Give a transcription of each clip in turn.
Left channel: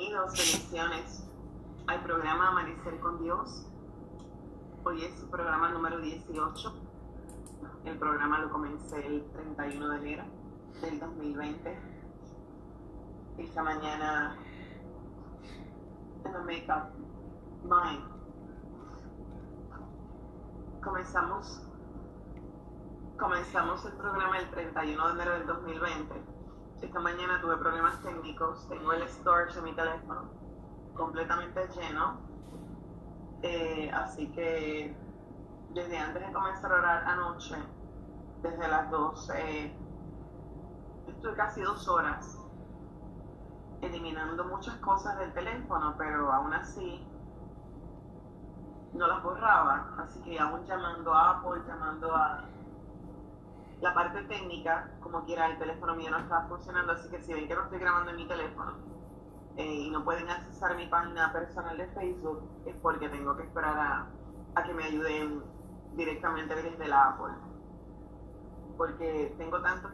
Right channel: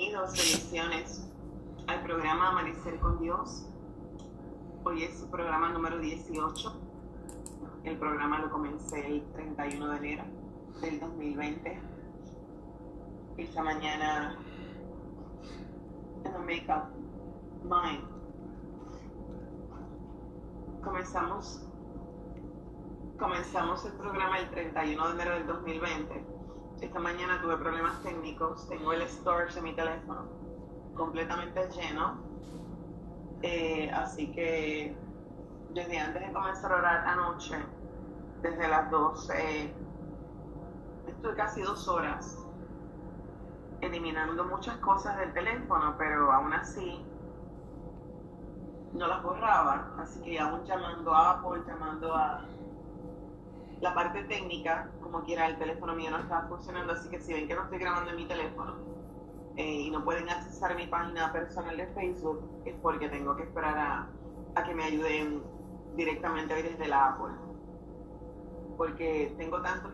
Bienvenidos, bendiciones al programa Amanecer con Dios. Hoy es su programa número 18. El programa lo comencé el 31 de enero del 2020. Esta mañana, en the Makeup Mind, comenzamos el programa el 31 de enero del 2020. Esta mañana tuve problemas técnicos. Tengo el storage de mi teléfono completamente lleno. Así que desde antes de comenzar a orar anoche, desde las 12, estoy casi 2 horas eliminando muchas cosas del teléfono, pero aún así no las borraba. Así que aún llamando a Apple, llamando a la parte técnica, como quiera, el teléfono mío no estaba funcionando. Así que si ven que no estoy grabando en mi teléfono y no pueden accesar mi página personal de Facebook, es porque tengo que esperar a que me ayuden directamente desde la Apple, porque tengo tantas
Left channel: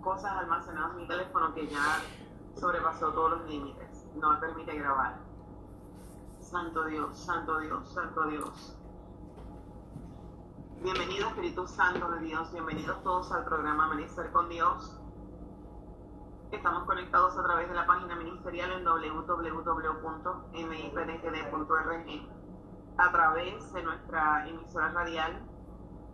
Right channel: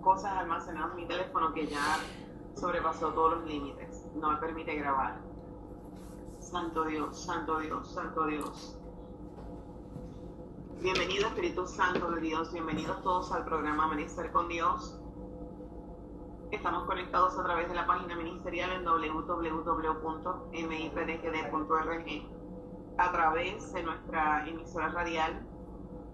cosas almacenadas en mi teléfono que ya sobrepasó todos los límites, no me permite grabar. Santo Dios, santo Dios, santo Dios. Bienvenido, Espíritu Santo de Dios, bienvenidos todos al programa Amanecer con Dios. Estamos conectados a través de la página ministerial en www.mipdgd.org, a través de nuestra emisora radial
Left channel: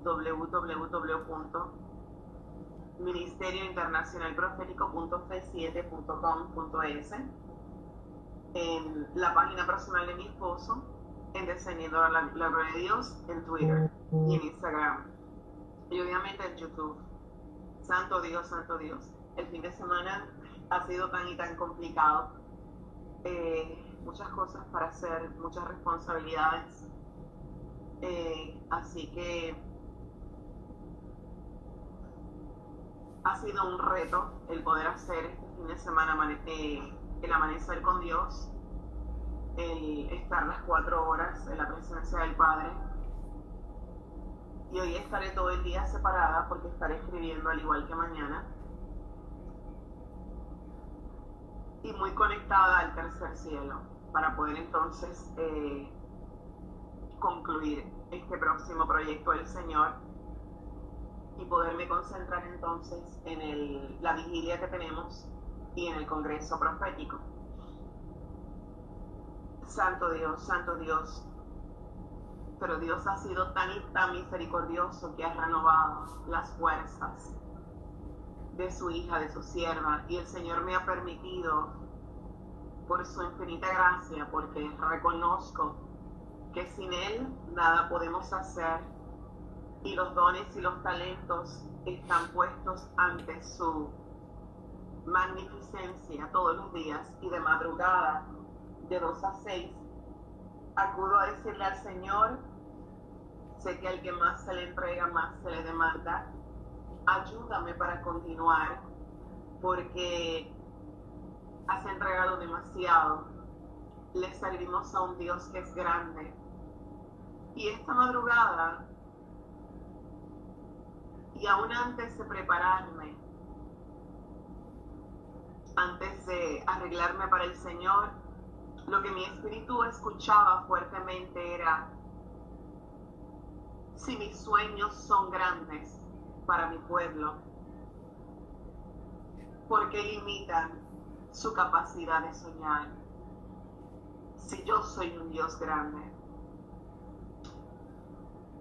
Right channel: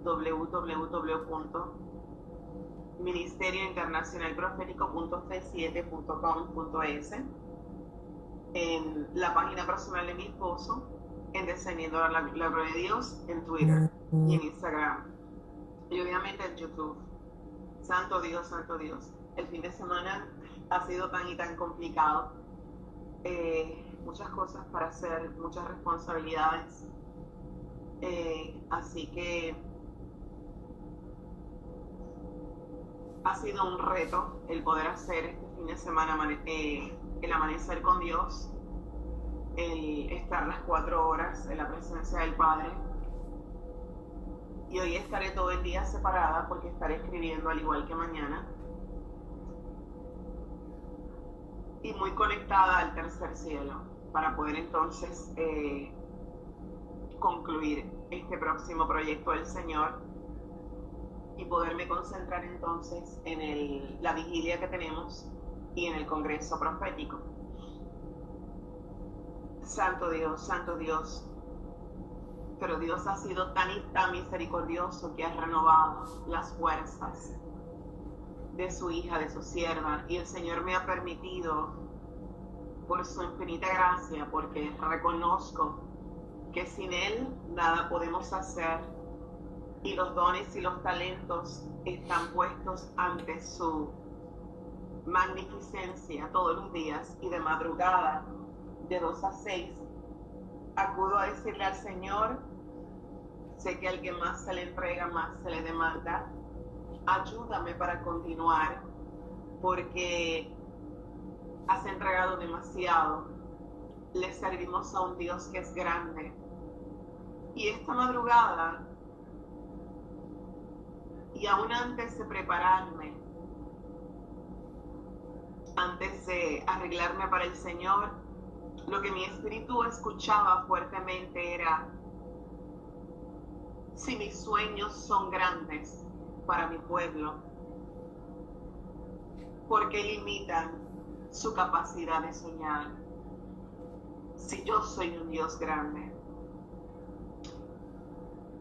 www.ministeriointernacionalprofético.c7.com.es, en la página personal de mi esposo, en Descendiendo la Gloria de Dios, en Twitter y en Instagram, y obviamente en YouTube. Santo Dios, santo Dios. El fin de semana ha sido tan y tan complicado. Muchas cosas para hacer, muchas responsabilidades. Así que ha sido un reto el poder hacer este fin de semana el amanecer con Dios, el estar las 4 horas en la presencia del Padre. Y hoy estaré todo el día separada porque estaré escribiendo al igual que mañana. Y muy conectada al tercer cielo para poder entonces concluir este próximo proyecto del Señor y poderme concentrar entonces en la vigilia que tenemos y en el congreso profético. Santo Dios, santo Dios. Pero Dios ha sido tan y tan misericordioso que ha renovado las fuerzas de su hija, de su sierva, y el Señor me ha permitido, por su infinita gracia, porque reconozco que sin Él nada podemos hacer, y los dones y los talentos están puestos ante su magnificencia todos los días, y de madrugada, de 2 a 6, acudo a decirle al Señor: sé que al que más se le entrega, más se le demanda. Ayúdame para continuar, porque has entregado demasiado. Le servimos a un Dios que es grande. Y esta madrugada, y aún antes de prepararme, antes de arreglarme para el Señor, lo que mi espíritu escuchaba fuertemente era: si mis sueños son grandes para mi pueblo, ¿por qué limitan su capacidad de soñar? Si yo soy un Dios grande.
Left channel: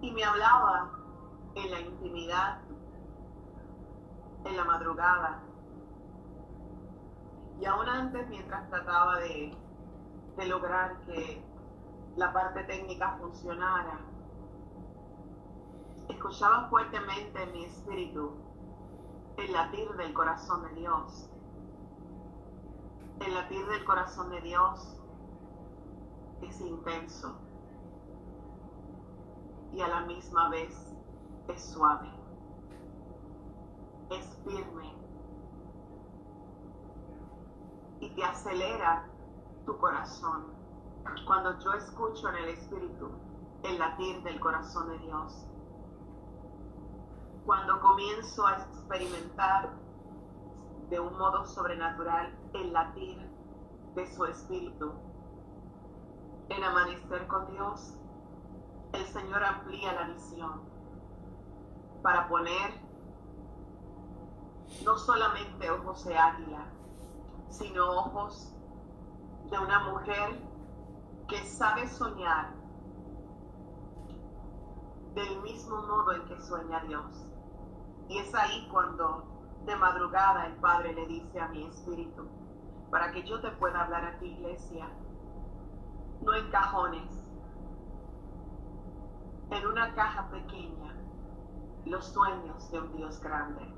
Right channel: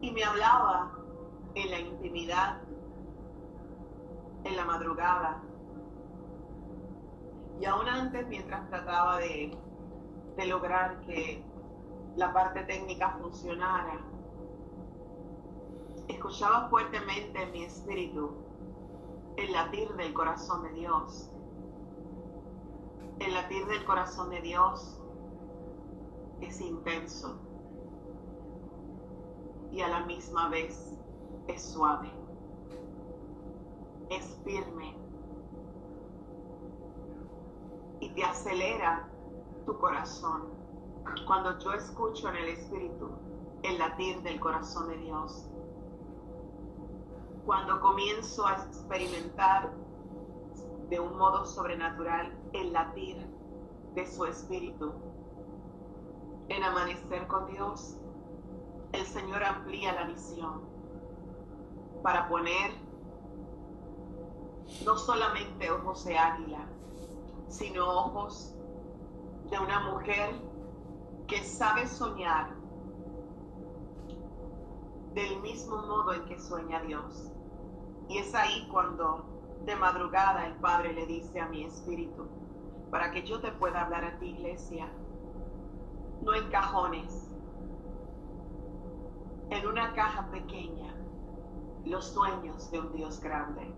Y me hablaba en la intimidad, en la madrugada, y aún antes, mientras trataba de lograr que la parte técnica funcionara, escuchaba fuertemente en mi espíritu el latir del corazón de Dios. El latir del corazón de Dios es intenso y a la misma vez es suave, es firme y te acelera tu corazón. Cuando yo escucho en el espíritu el latir del corazón de Dios, cuando comienzo a experimentar de un modo sobrenatural el latir de su espíritu. En Amanecer con Dios, el Señor amplía la visión para poner no solamente ojos de águila, sino ojos de una mujer que sabe soñar del mismo modo en que sueña Dios. Y es ahí cuando de madrugada el Padre le dice a mi espíritu, para que yo te pueda hablar a ti, iglesia, no en cajones, en una caja pequeña, los sueños de un Dios grande.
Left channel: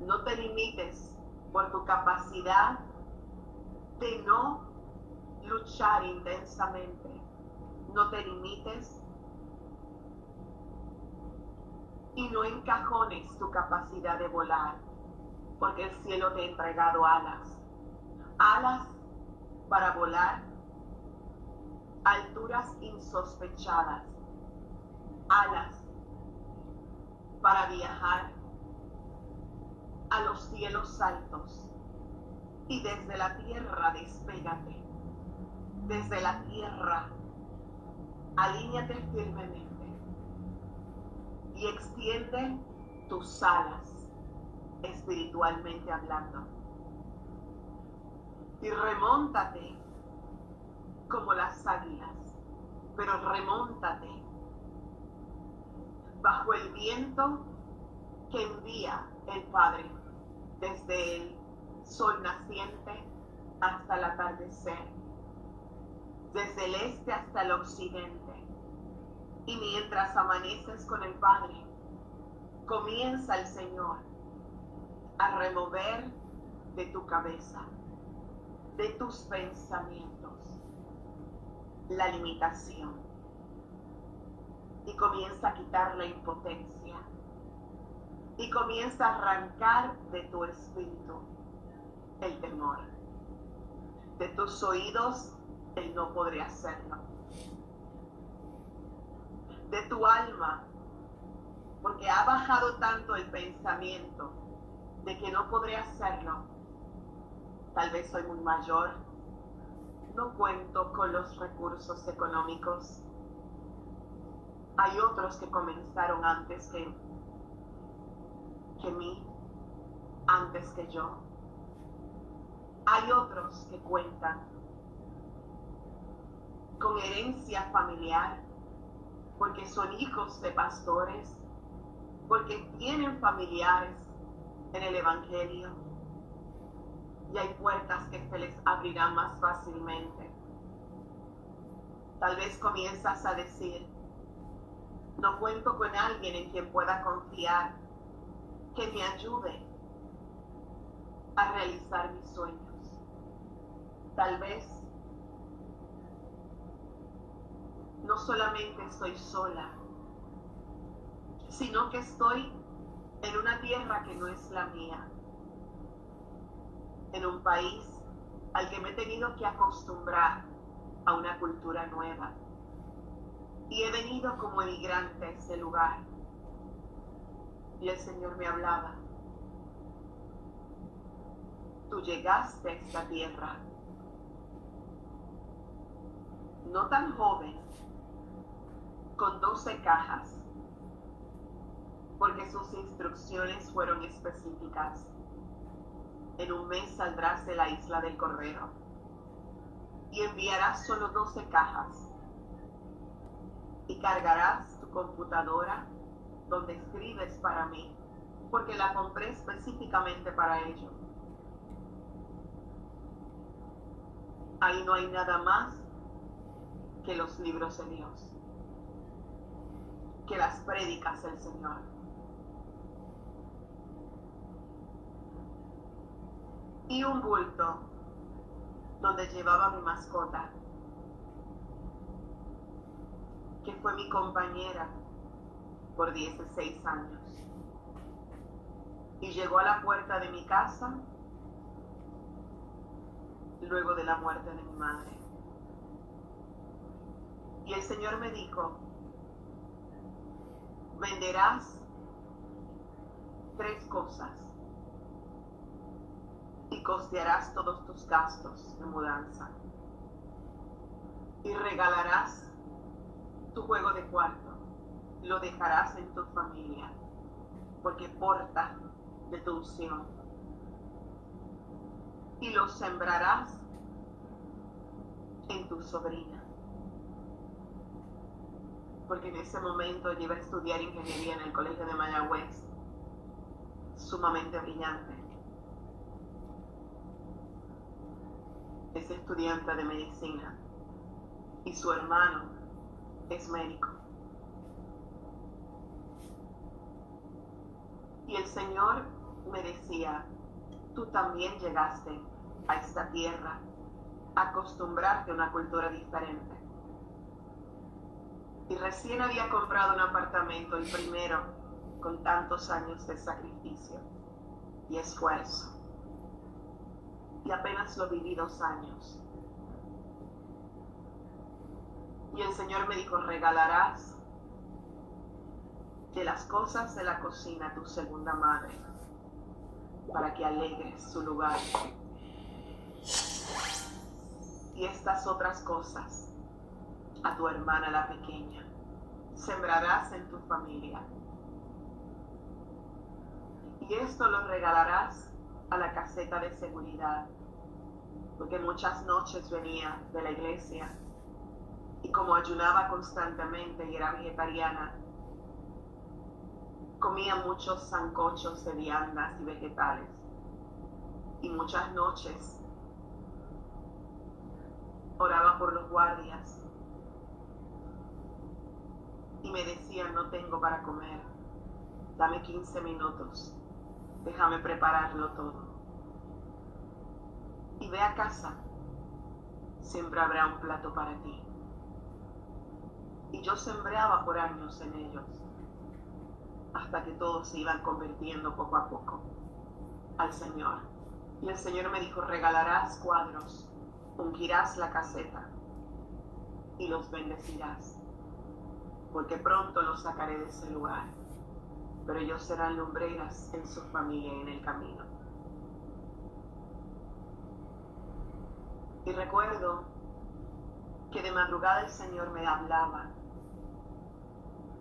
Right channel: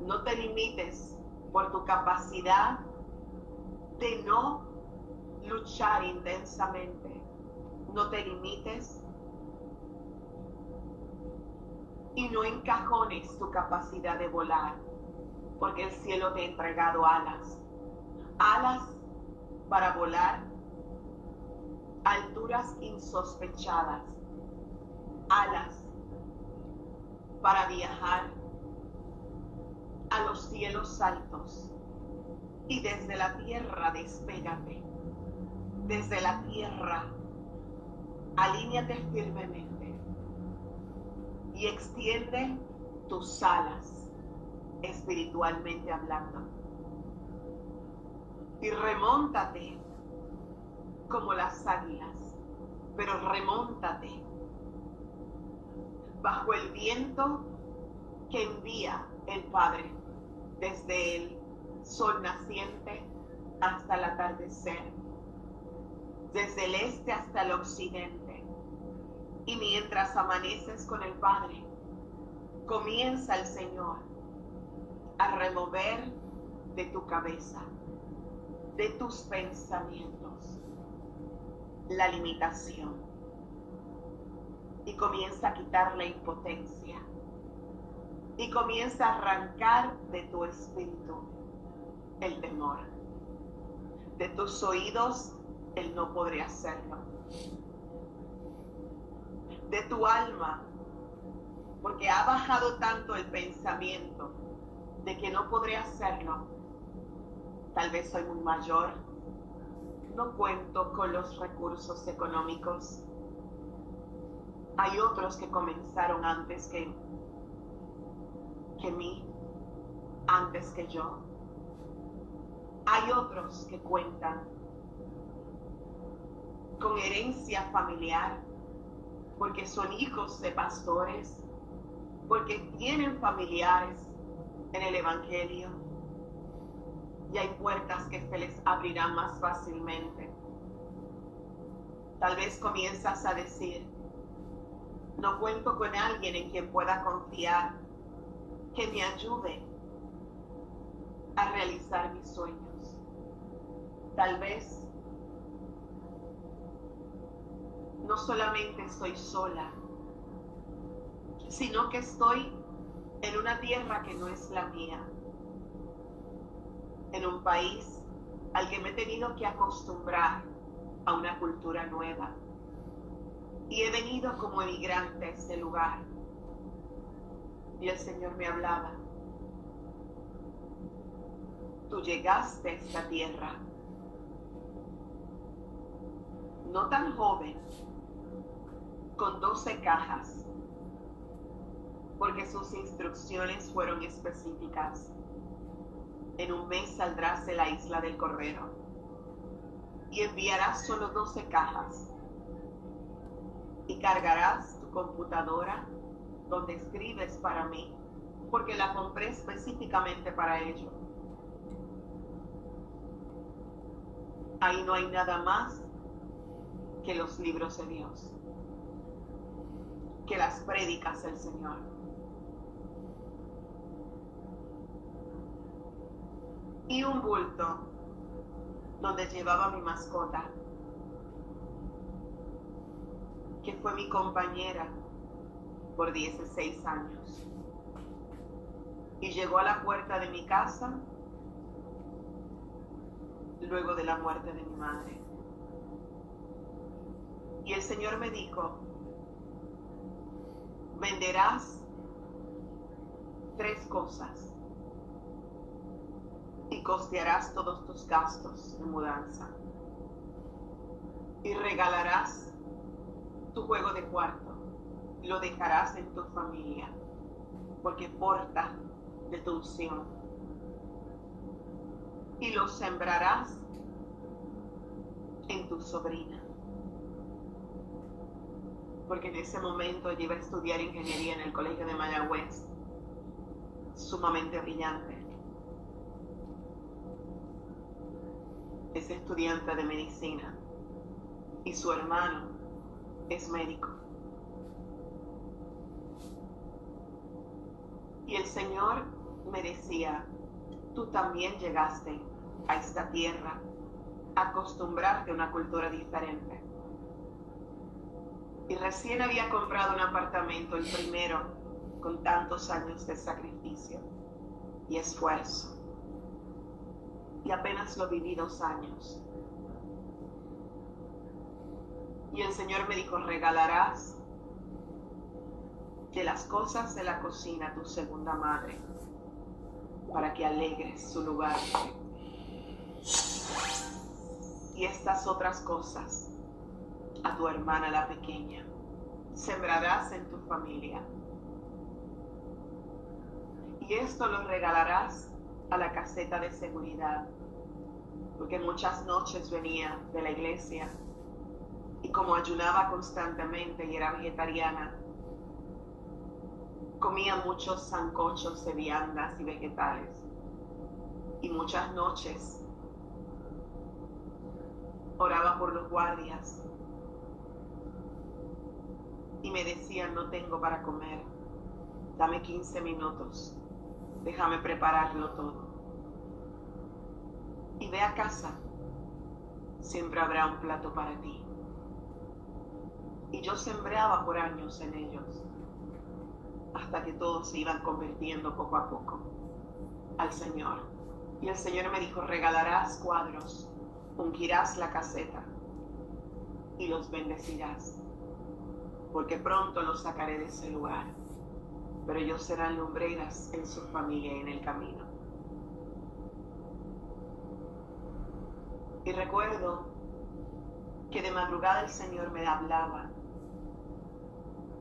No te limites por tu capacidad de no luchar intensamente. No te limites y no encajones tu capacidad de volar, porque el cielo te ha entregado alas. Alas para volar a alturas insospechadas. Alas para viajar a los cielos altos. Y desde la tierra despégate. Desde la tierra alíñate firmemente y extiende tus alas espiritualmente hablando. Y remóntate como las águilas, pero remóntate bajo el viento que envía el Padre desde el sol naciente hasta el atardecer, desde el este hasta el occidente. Y mientras amaneces con el Padre, comienza el Señor a remover de tu cabeza, de tus pensamientos, la limitación, y comienza a quitar la impotencia, y comienza a arrancar de tu espíritu el temor, de tus oídos el no podré hacerlo, de tu alma, porque ha bajado tanto el pensamiento de que no podré hacerlo. Tal vez soy muy mayor, no cuento con los recursos económicos. Hay otros que comenzaron antes que mí, antes que yo. Hay otros que cuentan con herencia familiar, porque son hijos de pastores, porque tienen familiares en el Evangelio, y hay puertas que se les abrirán más fácilmente. Tal vez comienzas a decir, no cuento con alguien en quien pueda confiar, que me ayude a realizar mis sueños. Tal vez no solamente estoy sola, sino que estoy en una tierra que no es la mía, en un país al que me he tenido que acostumbrar a una cultura nueva. Y he venido como emigrante a este lugar. Y el Señor me hablaba, tú llegaste a esta tierra, no tan joven, con 12 cajas, porque sus instrucciones fueron específicas. En un mes saldrás de la isla del Cordero y enviarás solo 12 cajas y cargarás tu computadora donde escribes para mí, porque la compré específicamente para ello. Ahí no hay nada más que los libros de Dios, que las prédicas del Señor. Y un bulto donde llevaba mi mascota, que fue mi compañera por 16 años. Y llegó a la puerta de mi casa luego de la muerte de mi madre. Y el Señor me dijo, venderás 3 cosas y costearás todos tus gastos de mudanza. Y regalarás tu juego de cuarto, lo dejarás en tu familia, porque porta de tu unción. Y lo sembrarás en tu sobrina, porque en ese momento ella iba a estudiar ingeniería en el colegio de Mayagüez, sumamente brillante. Es estudiante de medicina y su hermano es médico. Y el Señor me decía, tú también llegaste a esta tierra a acostumbrarte a una cultura diferente. Y recién había comprado un apartamento, el primero, con tantos años de sacrificio y esfuerzo. Y apenas lo viví 2 años. Y el Señor me dijo, regalarás de las cosas de la cocina a tu segunda madre, para que alegres su lugar. Y estas otras cosas a tu hermana la pequeña, sembrarás en tu familia. Y esto lo regalarás a la caseta de seguridad, porque muchas noches venía de la iglesia y como ayunaba constantemente y era vegetariana, comía muchos sancochos de viandas y vegetales. Y muchas noches oraba por los guardias y me decían, no tengo para comer, dame 15 minutos, déjame prepararlo todo. Y ve a casa, siempre habrá un plato para ti. Y yo sembraba por años en ellos, hasta que todos se iban convirtiendo poco a poco al Señor. Y el Señor me dijo, regalarás cuadros, ungirás la caseta y los bendecirás, porque pronto los sacaré de ese lugar, pero ellos serán lumbreras en su familia y en el camino. Y recuerdo que de madrugada el Señor me hablaba.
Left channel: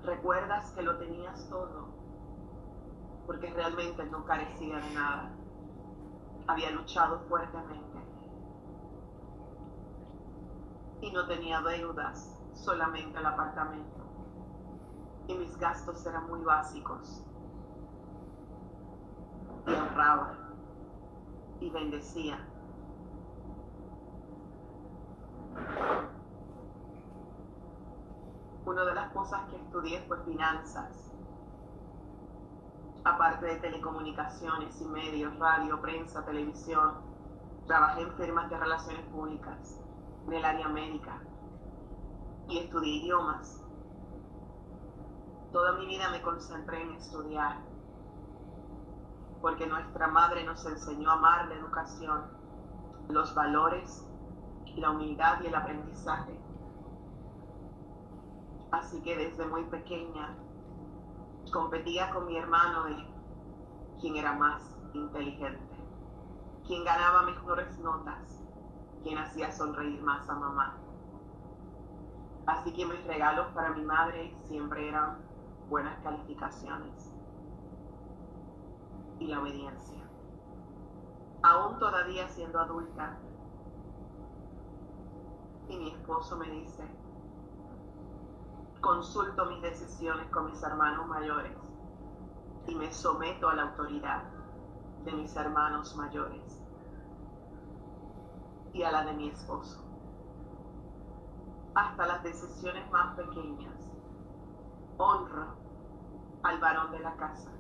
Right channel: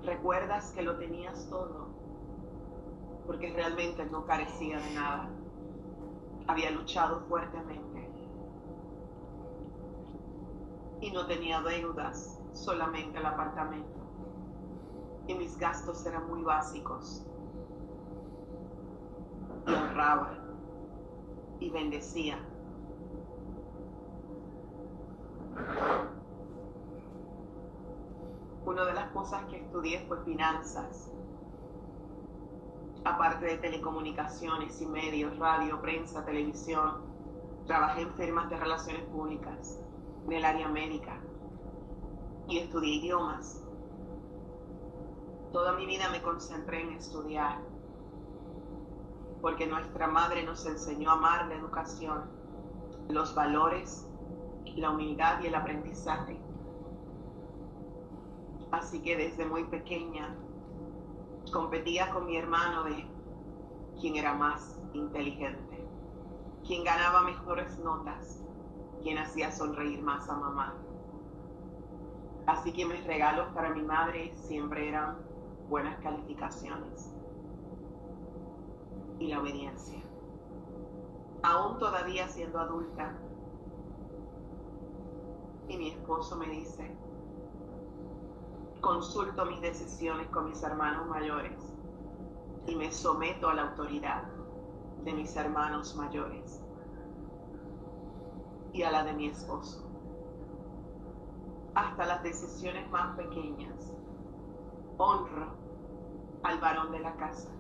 ¿Recuerdas que lo tenías todo? Porque realmente no carecía de nada. Había luchado fuertemente. Y no tenía deudas, solamente el apartamento. Y mis gastos eran muy básicos. Y ahorraba. Y bendecía. Una de las cosas que estudié fue finanzas, aparte de telecomunicaciones y medios, radio, prensa, televisión. Trabajé en firmas de relaciones públicas, en el área médica, y estudié idiomas. Toda mi vida me concentré en estudiar, porque nuestra madre nos enseñó a amar la educación, los valores, la humildad y el aprendizaje. Así que desde muy pequeña competía con mi hermano de quién era más inteligente, quién ganaba mejores notas, quién hacía sonreír más a mamá. Así que mis regalos para mi madre siempre eran buenas calificaciones y la obediencia. Aún todavía siendo adulta, y mi esposo me dice, consulto mis decisiones con mis hermanos mayores y me someto a la autoridad de mis hermanos mayores y a la de mi esposo. Hasta las decisiones más pequeñas, honro al varón de la casa,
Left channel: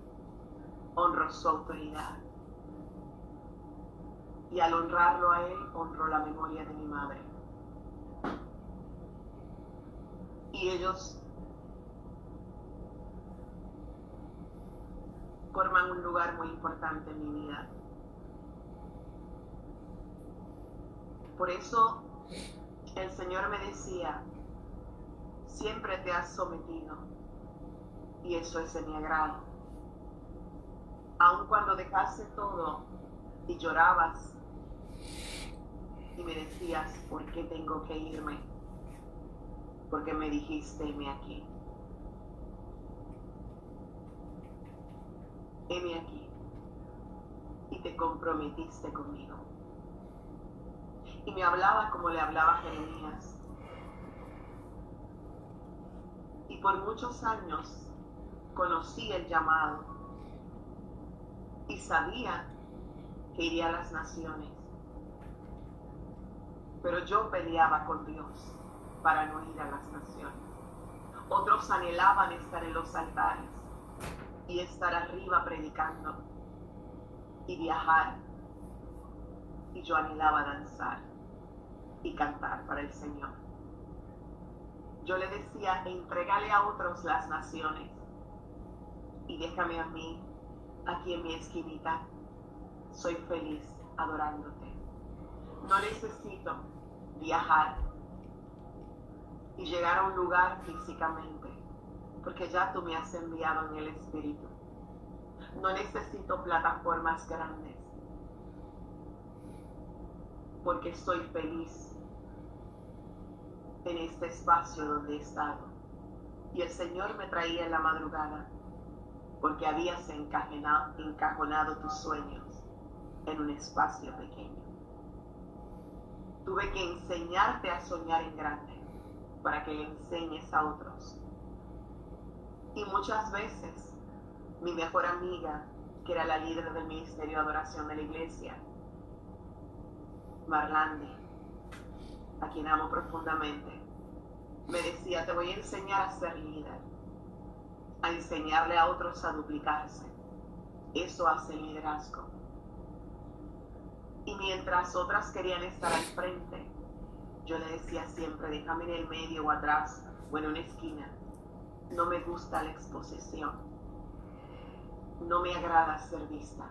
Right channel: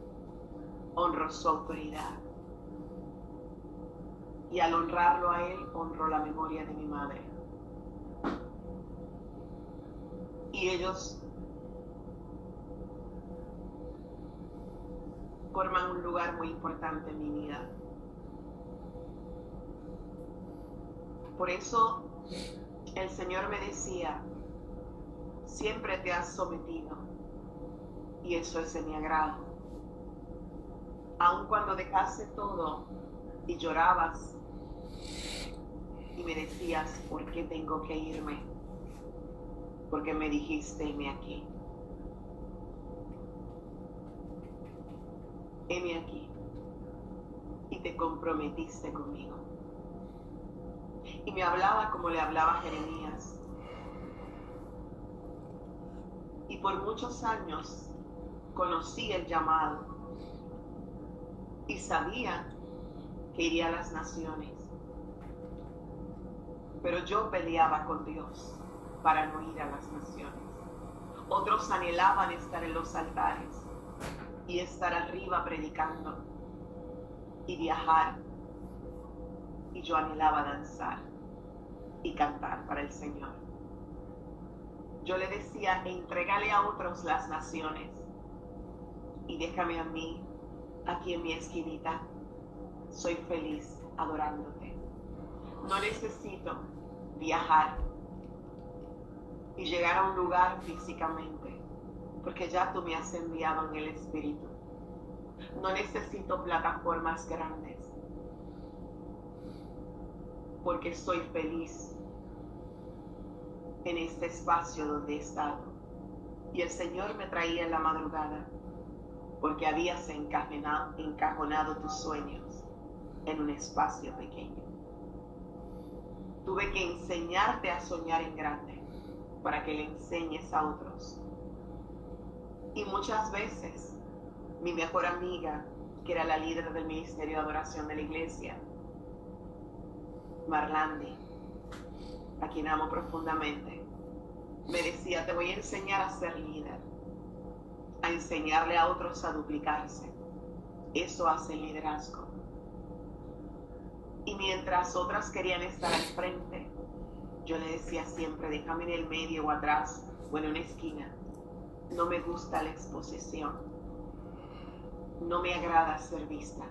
honro su autoridad. Y al honrarlo a él, honro la memoria de mi madre. Y ellos forman un lugar muy importante en mi vida. Por eso el Señor me decía, siempre te has sometido y eso es de mi agrado. Aun cuando dejaste todo y llorabas y me decías, ¿por qué tengo que irme? Porque me dijiste, heme aquí. Heme aquí. Y te comprometiste conmigo. Y me hablaba como le hablaba a Jeremías. Y por muchos años conocí el llamado y sabía que iría a las naciones. Pero yo peleaba con Dios para no ir a las naciones. Otros anhelaban estar en los altares y estar arriba predicando y viajar. Y yo anhelaba danzar y cantar para el Señor. Yo le decía, entrégale a otros las naciones y déjame a mí aquí en mi esquinita. Soy feliz adorándote. No necesito viajar y llegar a un lugar físicamente, porque ya tú me has enviado en el Espíritu. No necesito plataformas grandes, porque soy feliz en este espacio donde he estado. Y el Señor me traía en la madrugada, porque habías encajonado tus sueños en un espacio pequeño. Tuve que enseñarte a soñar en grande para que le enseñes a otros. Y muchas veces mi mejor amiga, que era la líder del ministerio de adoración de la iglesia, Marlandi, a quien amo profundamente, me decía, te voy a enseñar a ser líder, a enseñarle a otros a duplicarse. Eso hace liderazgo. Y mientras otras querían estar al frente, yo le decía siempre, déjame en el medio o atrás o en una esquina. No me gusta la exposición. No me agrada ser vista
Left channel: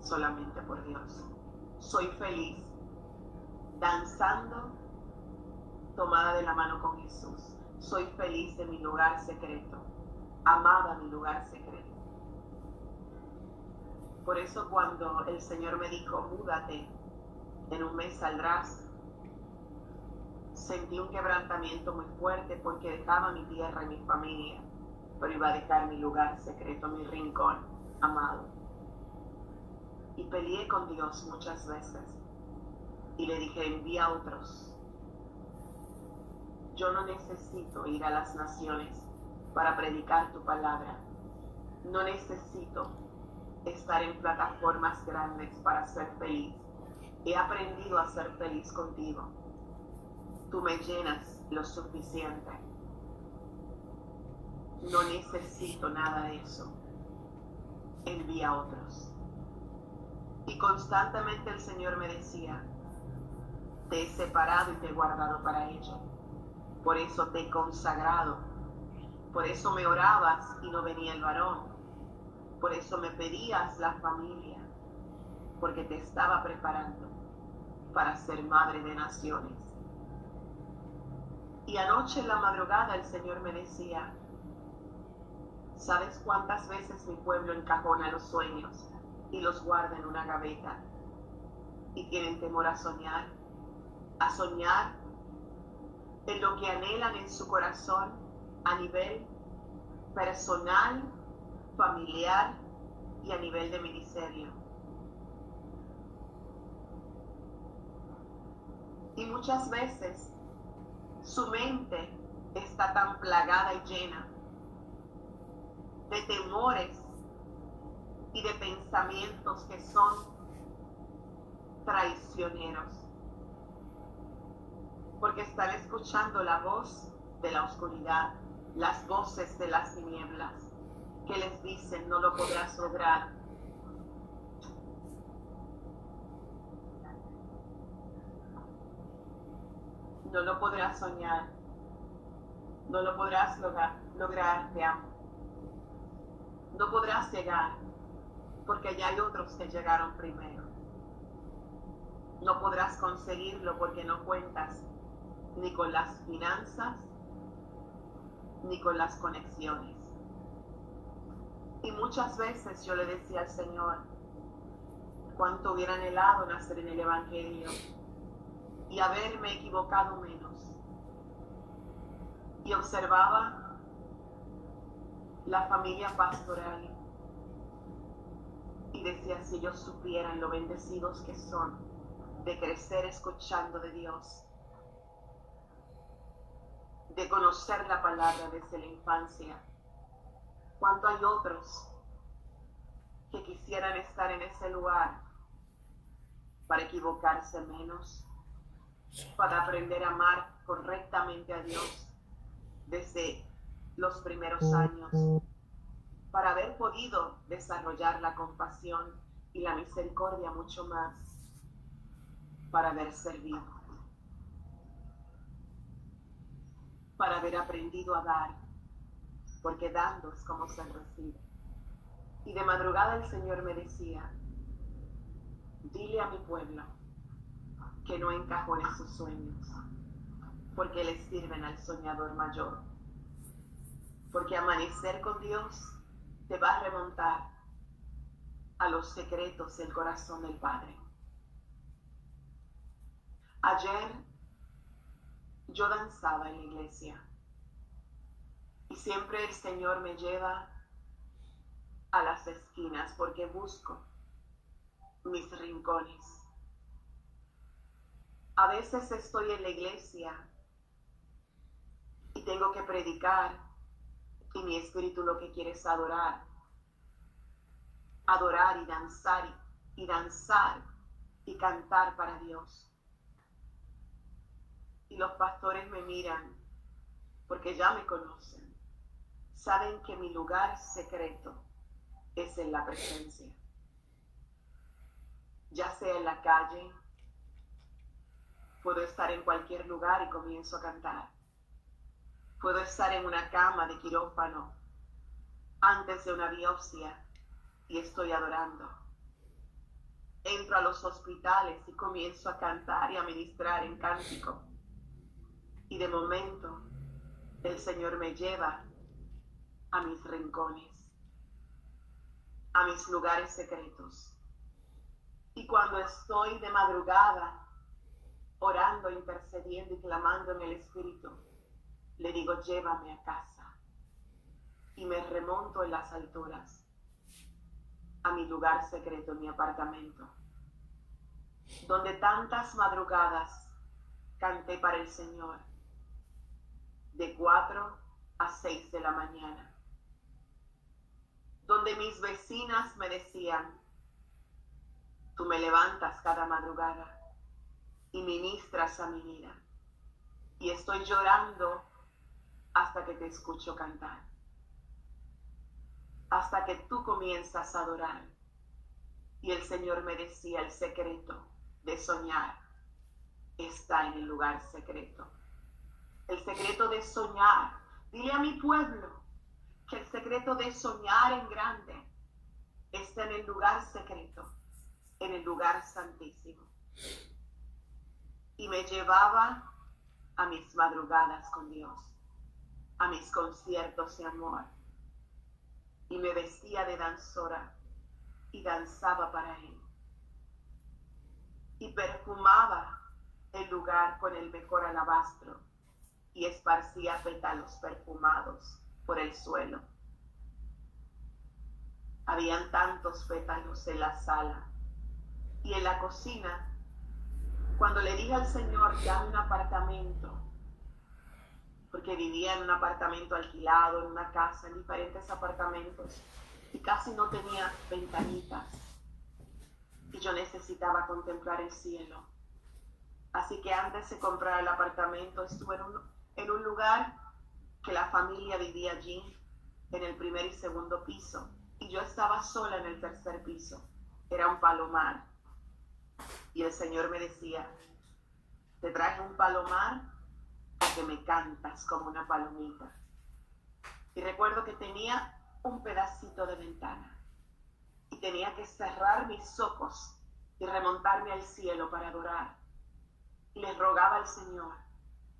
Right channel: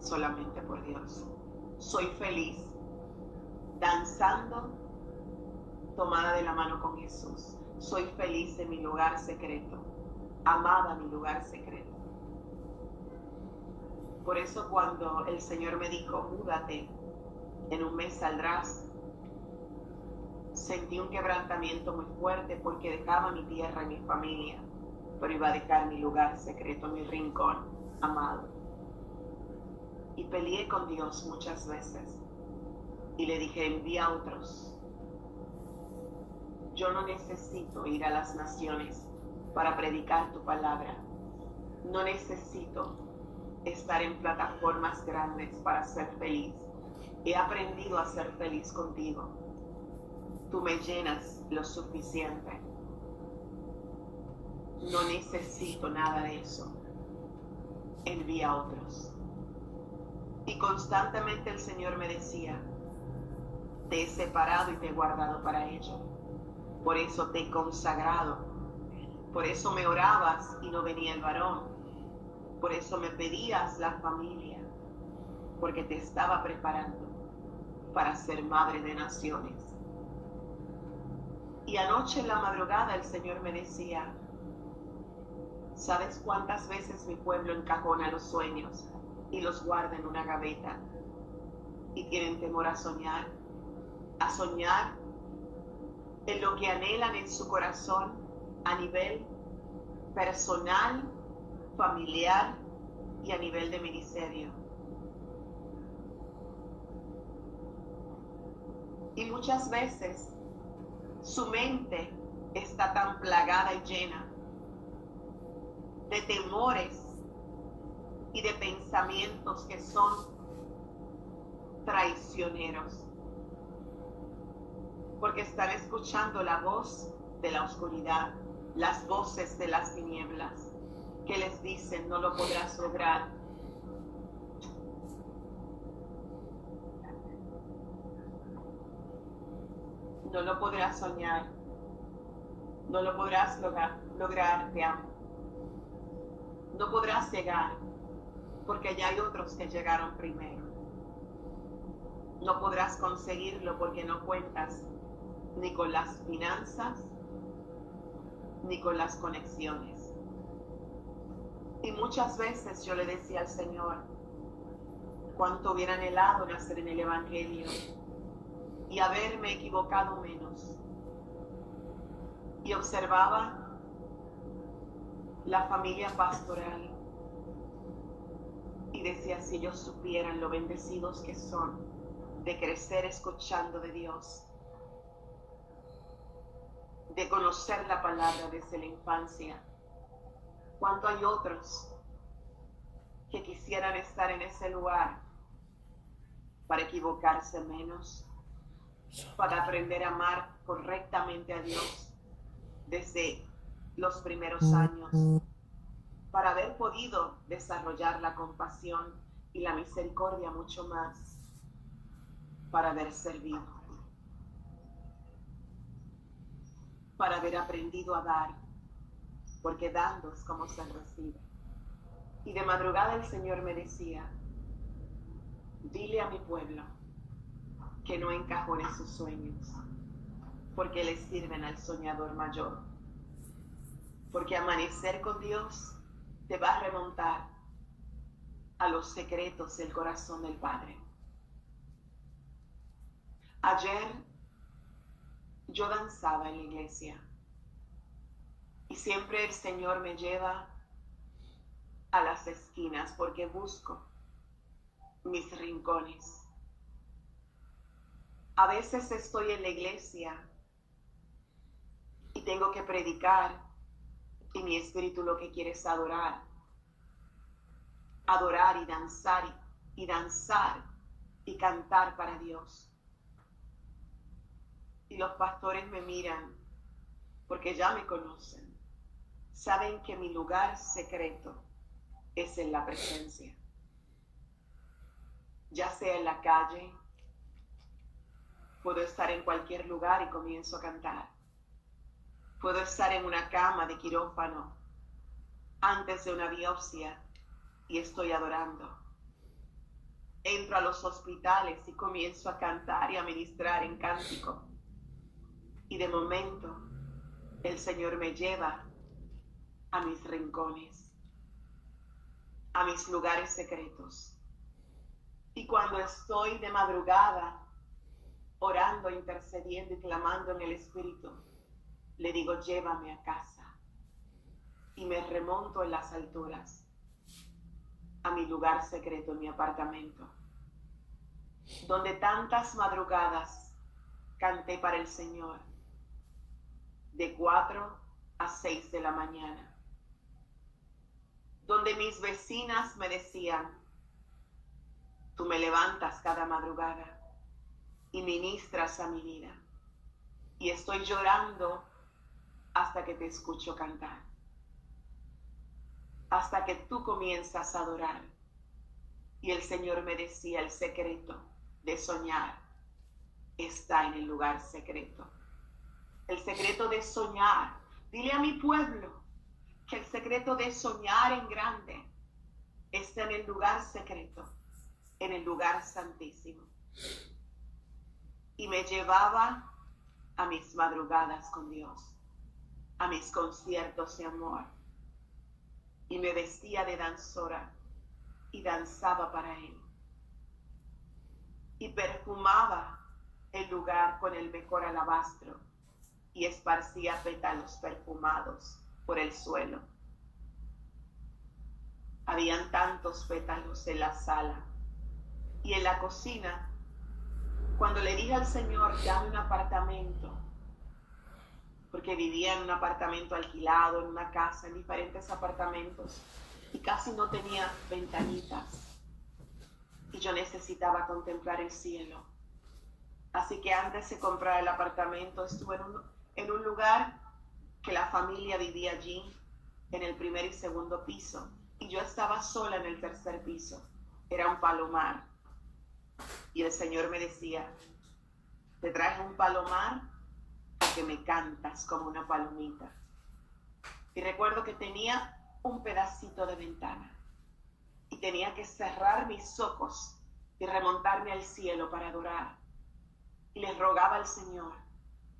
solamente por Dios. Soy feliz danzando tomada de la mano con Jesús. Soy feliz en mi lugar secreto. Amaba mi lugar secreto. Por eso cuando el Señor me dijo, múdate, en un mes saldrás, sentí un quebrantamiento muy fuerte porque dejaba mi tierra y mi familia, pero iba a dejar mi lugar secreto, mi rincón amado. Y peleé con Dios muchas veces y le dije, envía a otros. Yo no necesito ir a las naciones para predicar tu palabra. No necesito estar en plataformas grandes para ser feliz. He aprendido a ser feliz contigo. Tú me llenas lo suficiente. No necesito nada de eso. Envía a otros. Y constantemente el Señor me decía, te he separado y te he guardado para ello. Por eso te he consagrado. Por eso me orabas y no venía el varón. Por eso me pedías la familia, porque te estaba preparando para ser madre de naciones. Y anoche en la madrugada el Señor me decía, ¿sabes cuántas veces mi pueblo encajona los sueños y los guarda en una gaveta? Y tienen temor a soñar en lo que anhelan en su corazón a nivel personal, familiar y a nivel de ministerio. Y muchas veces su mente está tan plagada y llena de temores y de pensamientos que son traicioneros, porque están escuchando la voz de la oscuridad, las voces de las tinieblas, que les dicen, no lo podrás lograr. No lo podrás soñar. No lo podrás lograr, te amo. No podrás llegar, porque ya hay otros que llegaron primero. No podrás conseguirlo porque no cuentas ni con las finanzas, ni con las conexiones. Y muchas veces yo le decía al Señor, cuánto hubiera anhelado nacer en el Evangelio y haberme equivocado menos. Y observaba la familia pastoral y decía, si ellos supieran lo bendecidos que son de crecer escuchando de Dios, de conocer la palabra desde la infancia. ¿Cuánto hay otros que quisieran estar en ese lugar para equivocarse menos, para aprender a amar correctamente a Dios desde los primeros años, para haber podido desarrollar la compasión y la misericordia mucho más, para haber servido, para haber aprendido a dar, porque dando es como se recibe? Y de madrugada el Señor me decía, dile a mi pueblo que no encajone sus sueños, porque les sirven al soñador mayor. Porque amanecer con Dios te va a remontar a los secretos del corazón del Padre. Ayer yo danzaba en la iglesia y siempre el Señor me lleva a las esquinas porque busco mis rincones. A veces estoy en la iglesia y tengo que predicar y mi espíritu lo que quiere es adorar y danzar y cantar para Dios. Y los pastores me miran porque ya me conocen. Saben que mi lugar secreto es en la presencia. Ya sea en la calle, puedo estar en cualquier lugar y comienzo a cantar. Puedo estar en una cama de quirófano antes de una biopsia y estoy adorando. Entro a los hospitales y comienzo a cantar y a ministrar en cántico. Y de momento el Señor me lleva a mis rincones, a mis lugares secretos. Y cuando estoy de madrugada orando, intercediendo y clamando en el Espíritu, le digo, llévame a casa. Y me remonto en las alturas a mi lugar secreto, mi apartamento, donde tantas madrugadas canté para el Señor, de 4 a 6 de la mañana, donde mis vecinas me decían, tú me levantas cada madrugada y ministras a mi vida, y estoy llorando hasta que te escucho cantar, hasta que tú comienzas a adorar. Y el Señor me decía, el secreto de soñar está en el lugar secreto. El secreto de soñar, dile a mi pueblo que el secreto de soñar en grande está en el lugar secreto, en el lugar santísimo. Y me llevaba a mis madrugadas con Dios, a mis conciertos de amor, y me vestía de danzora y danzaba para Él, y perfumaba el lugar con el mejor alabastro y esparcía pétalos perfumados por el suelo. Habían tantos pétalos en la sala y en la cocina. Cuando le dije al Señor, dame un apartamento, porque vivía en un apartamento alquilado, en una casa, en diferentes apartamentos, y casi no tenía ventanitas, y yo necesitaba contemplar el cielo. Así que antes de comprar el apartamento, estuve en un lugar que la familia vivía allí, en el primer y segundo piso, y yo estaba sola en el tercer piso. Era un palomar. Y el Señor me decía, te traje un palomar porque me cantas como una palomita. Y recuerdo que tenía un pedacito de ventana y tenía que cerrar mis ojos y remontarme al cielo para adorar. Y le rogaba al Señor,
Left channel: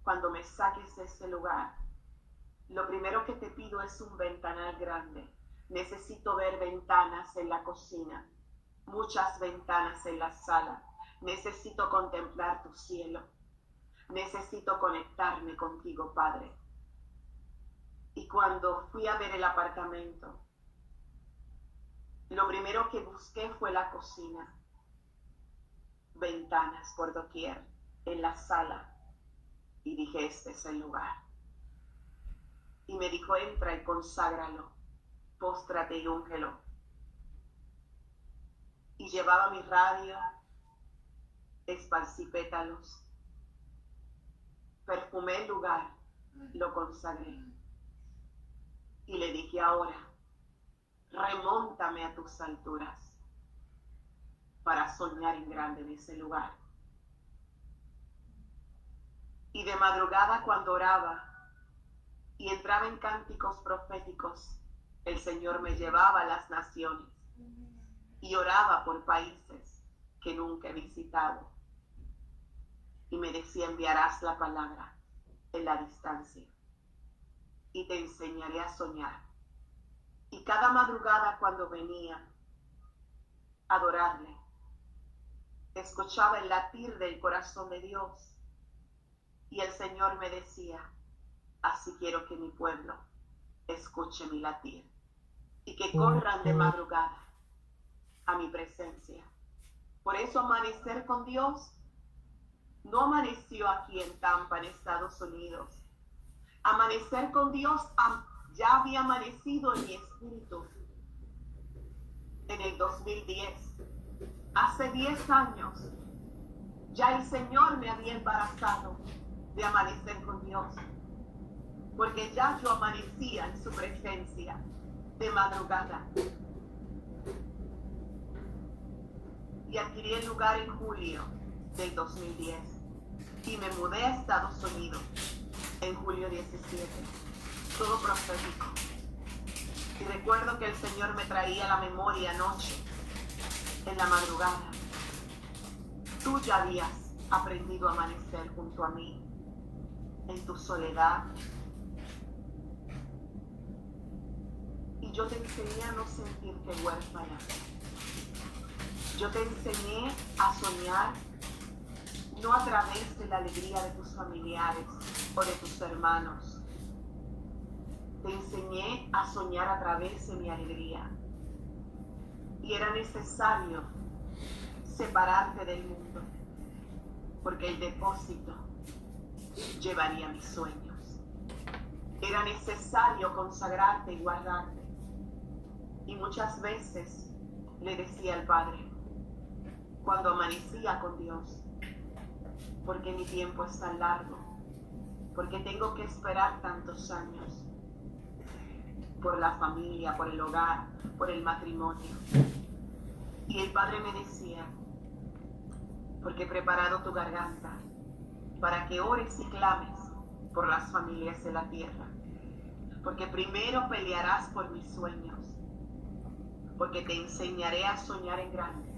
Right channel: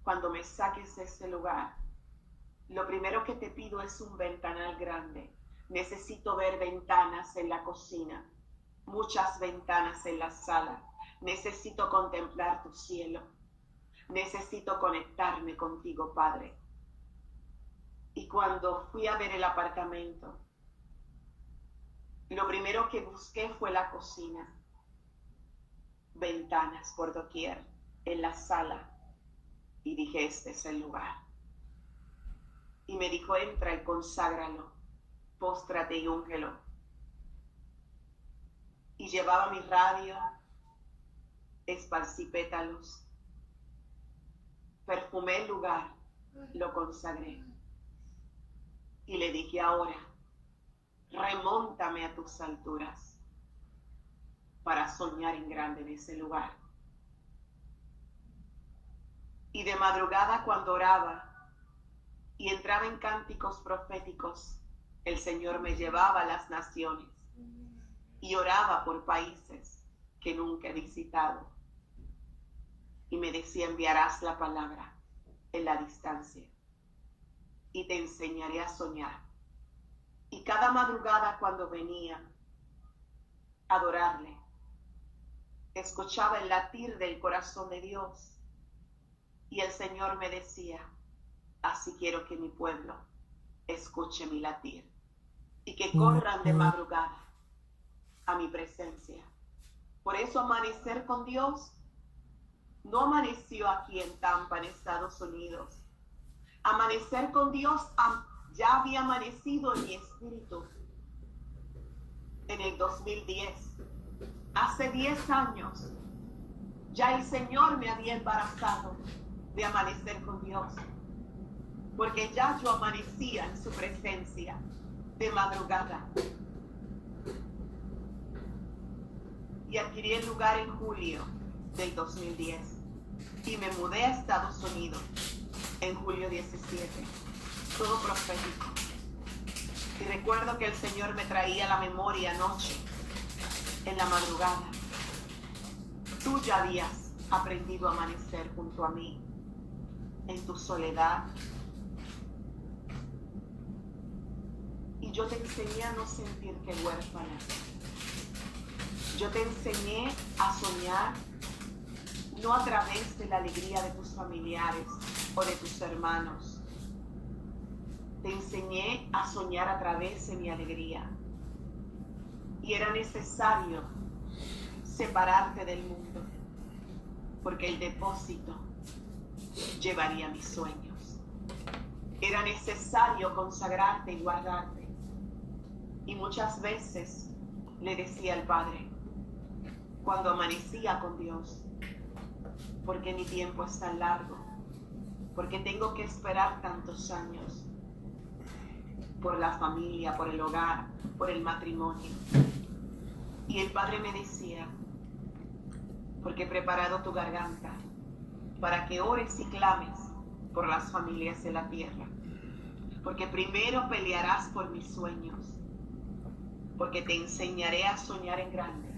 cuando me saques de este lugar, lo primero que te pido es un ventanal grande. Necesito ver ventanas en la cocina muchas ventanas en la sala. Necesito contemplar tu cielo. Necesito conectarme contigo, Padre. Y cuando fui a ver el apartamento, lo primero que busqué fue la cocina. Ventanas por doquier en la sala. Y dije, este es el lugar. Y me dijo, entra y conságralo, póstrate y úngelo. Y llevaba mi radio, esparcí pétalos, perfumé el lugar, lo consagré. Y le dije, ahora, remóntame a tus alturas para soñar en grande en ese lugar. Y de madrugada, cuando oraba y entraba en cánticos proféticos, el Señor me llevaba a las naciones y oraba por países que nunca he visitado. Y me decía, enviarás la palabra en la distancia y te enseñaré a soñar. Y cada madrugada, cuando venía a adorarle, escuchaba el latir del corazón de Dios. Y el Señor me decía, así quiero que mi pueblo escuche mi latir y que corran de madrugada a mi presencia. Por eso amanecer con Dios no amaneció aquí en Tampa, en Estados Unidos. Amanecer con Dios ya había amanecido en mi espíritu en el 2010. Hace 10 años ya el Señor me había embarazado de amanecer con Dios, porque ya yo amanecía en su presencia de madrugada. Y adquirí el lugar en julio del 2010 y me mudé a Estados Unidos en julio 17, todo profético. Y recuerdo que el Señor me traía a la memoria anoche, en la madrugada. Tú ya habías aprendido a amanecer junto a mí, en tu soledad. Y yo te enseñé a no sentirte huérfana. Yo te enseñé a soñar no a través de la alegría de tus familiares o de tus hermanos. Te enseñé a soñar a través de mi alegría. Y era necesario separarte del mundo, porque el depósito llevaría mis sueños. Era necesario consagrarte y guardarte. Y muchas veces le decía al Padre, cuando amanecía con Dios, porque mi tiempo es tan largo, porque tengo que esperar tantos años por la familia, por el hogar, por el matrimonio. Y el Padre me decía, porque he preparado tu garganta para que ores y clames por las familias de la tierra, porque primero pelearás por mis sueños, porque te enseñaré a soñar en grande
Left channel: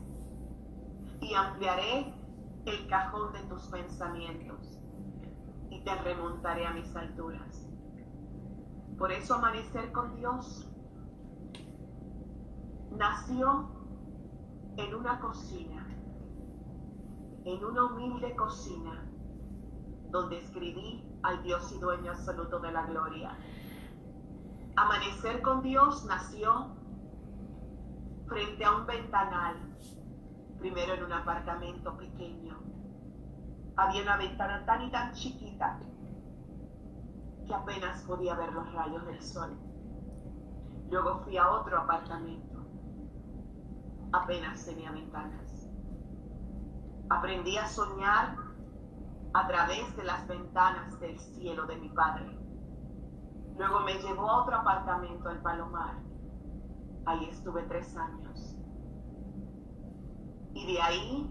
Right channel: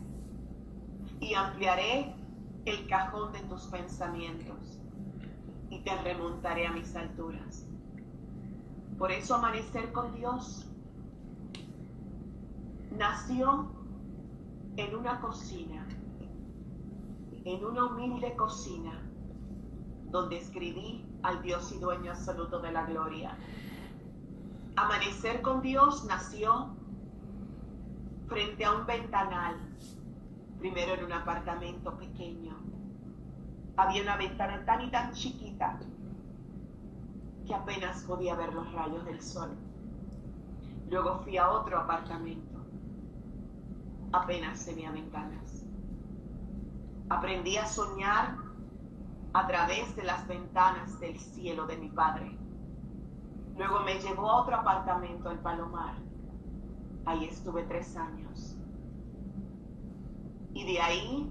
y ampliaré el cajón de tus pensamientos y te remontaré a mis alturas. Por eso amanecer con Dios nació en una cocina, en una humilde cocina, donde escribí al Dios y dueño absoluto de la gloria. Amanecer con Dios nació frente a un ventanal, primero en un apartamento pequeño. Había una ventana tan y tan chiquita que apenas podía ver los rayos del sol. Luego fui a otro apartamento, apenas tenía ventanas. Aprendí a soñar a través de las ventanas del cielo de mi Padre. Luego me llevó a otro apartamento, el Palomar. Ahí estuve 3 años. Y de ahí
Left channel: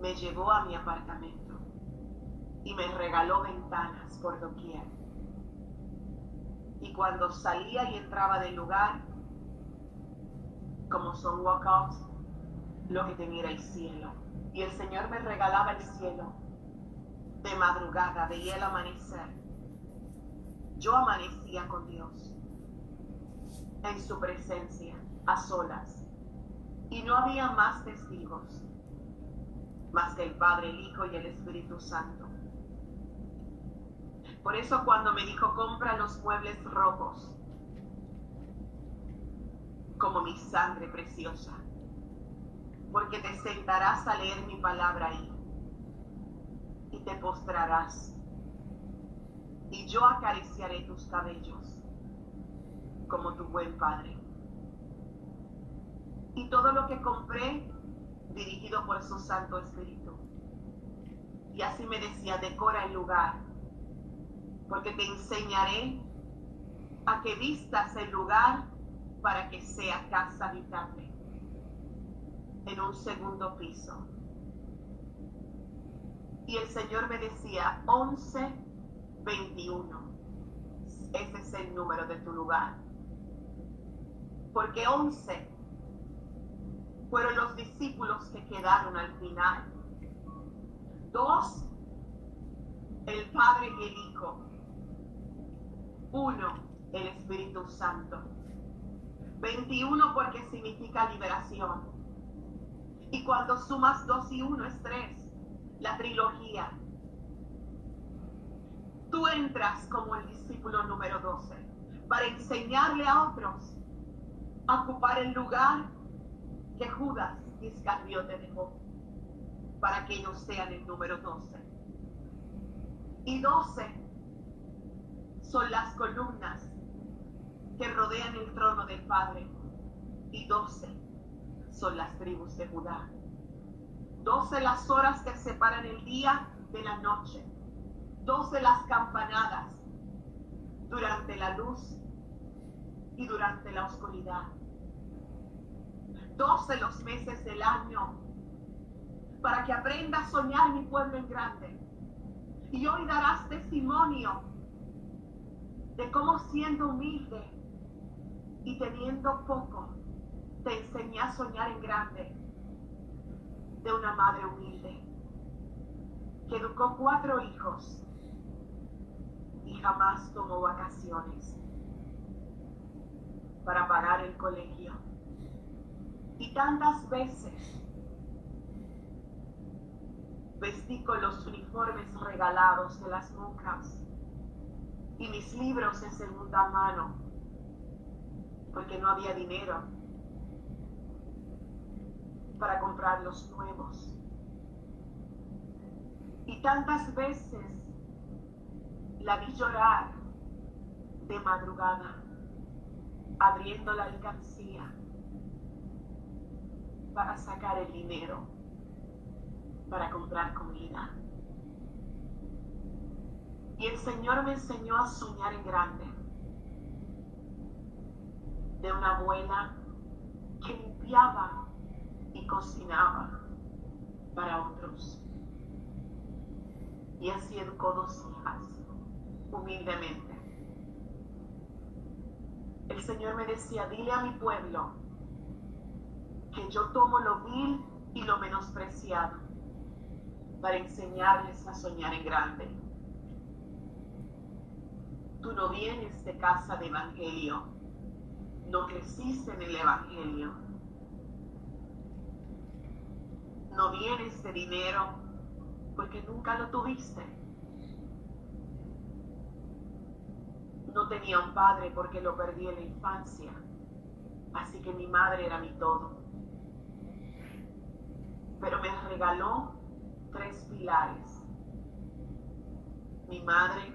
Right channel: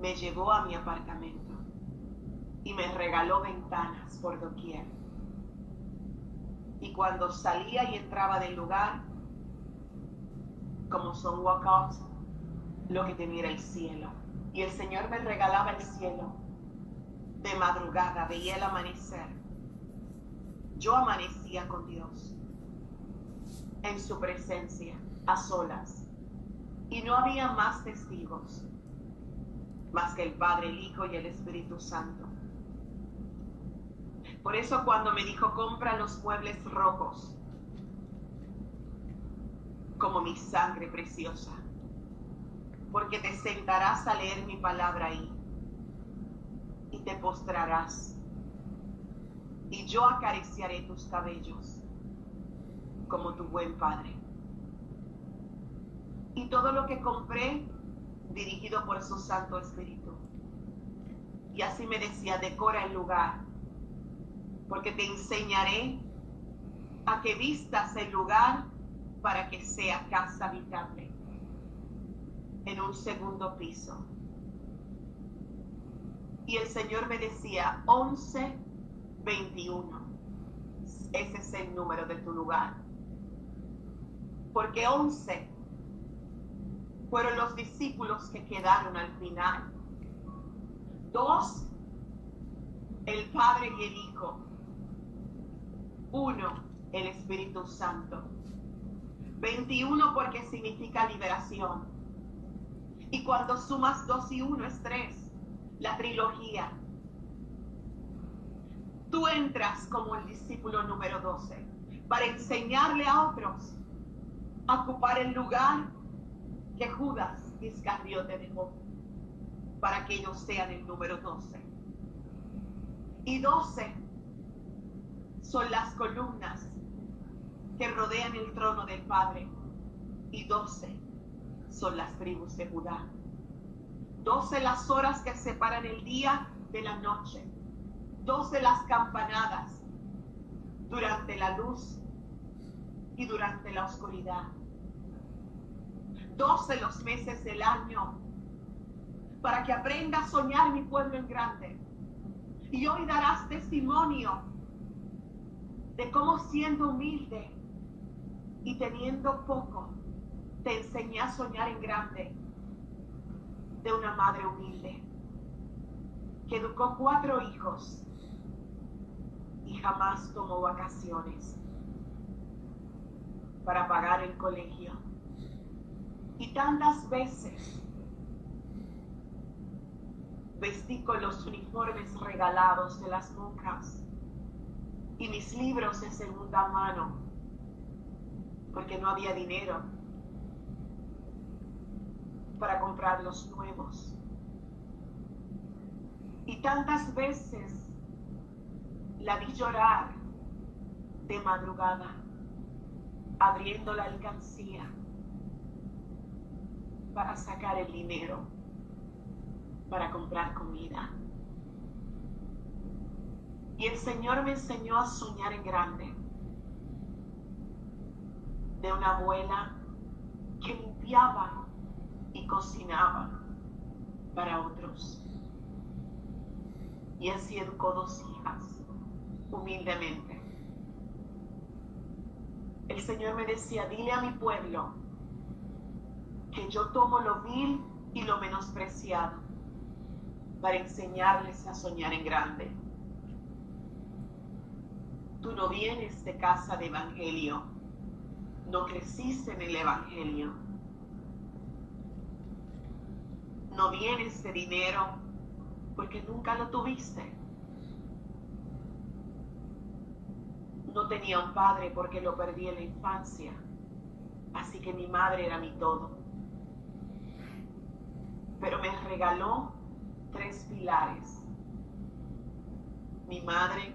me llevó a mi apartamento y me regaló ventanas por doquier. Y cuando salía y entraba del lugar, como son walkouts, lo que tenía era el cielo. Y el Señor me regalaba el cielo. De madrugada veía el amanecer. Yo amanecía con Dios, en su presencia, a solas. Y no había más testigos, más que el Padre, el Hijo y el Espíritu Santo. Por eso cuando me dijo, compra los muebles rojos, como mi sangre preciosa, porque te sentarás a leer mi palabra ahí, y te postrarás, y yo acariciaré tus cabellos, como tu buen Padre. Y todo lo que compré, dirigido por su Santo Espíritu. Y así me decía, decora el lugar, porque te enseñaré a que vistas el lugar para que sea casa habitable, en un segundo piso. Y el Señor me decía, 11:21, ese es el número de tu lugar, porque 11 fueron los discípulos que quedaron al final. 2, el Padre y el Hijo. 1, el Espíritu Santo. 21 porque significa liberación. Y cuando sumas 2 y 1 es 3, la trilogía. Tú entras como el discípulo número 12 para enseñarle a otros a ocupar el lugar que Judas Iscariote dejó, para que ellos sean el número 12. Y 12 son las columnas que rodean el trono del Padre, y 12 son las tribus de Judá. 12 las horas que separan el día de la noche. 12 las campanadas durante la luz y durante la oscuridad. 12 los meses del año, para que aprenda a soñar mi pueblo en grande. Y hoy darás testimonio de cómo, siendo humilde y teniendo poco, te enseñé a soñar en grande, de una madre humilde que educó 4 hijos y jamás tomó vacaciones para pagar el colegio. Y tantas veces vestí con los uniformes regalados de las monjas y mis libros de segunda mano, porque no había dinero para comprar los nuevos. Y tantas veces la vi llorar de madrugada, abriendo la alcancía para sacar el dinero para comprar comida. Y el Señor me enseñó a soñar en grande, de una abuela que limpiaba y cocinaba para otros. Y así educó 2 hijas, humildemente. El Señor me decía, dile a mi pueblo que yo tomo lo vil y lo menospreciado para enseñarles a soñar en grande. Tú no vienes de casa de evangelio, no creciste en el evangelio, no vienes de dinero porque nunca lo tuviste. No tenía un padre porque lo perdí en la infancia, así que mi madre era mi todo. Pero me regaló 3 pilares: mi madre,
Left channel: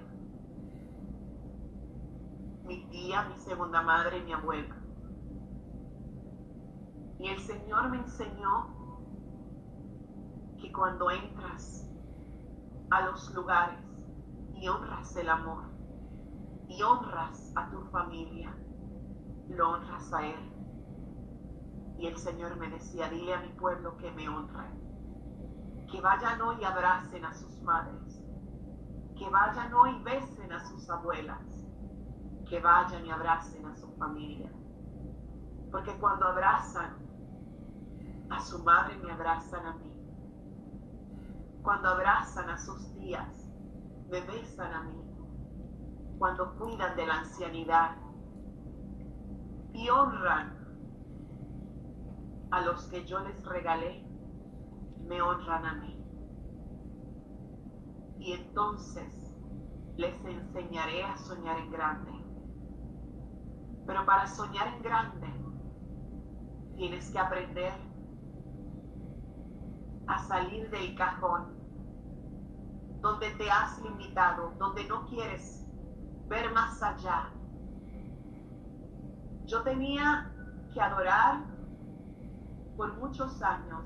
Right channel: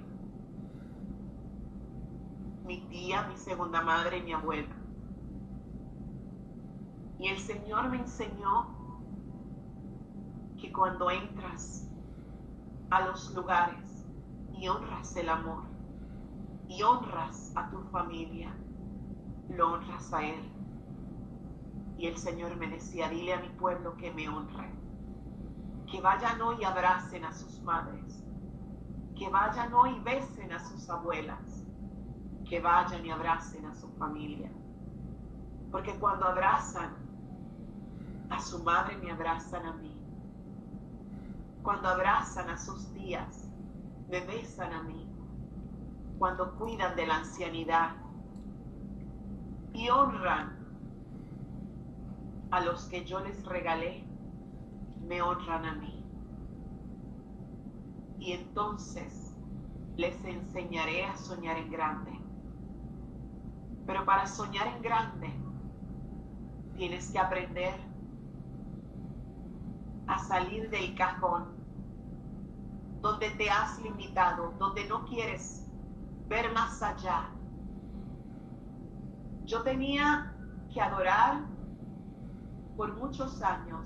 mi tía, mi segunda madre y mi abuela. Y el Señor me enseñó que cuando entras a los lugares y honras el amor y honras a tu familia, lo honras a Él. Y el Señor me decía, dile a mi pueblo que me honre, que vayan hoy y abracen a sus madres, que vayan hoy y besen a sus abuelas, que vayan y abracen a su familia. Porque cuando abrazan a su madre, me abrazan a mí. Cuando abrazan a sus tías, me besan a mí. Cuando cuidan de la ancianidad y honran a los que yo les regalé, me honran a mí. Y entonces les enseñaré a soñar en grande. Pero para soñar en grande, tienes que aprender a salir del cajón donde te has limitado, donde no quieres ver más allá. Yo tenía que adorar por muchos años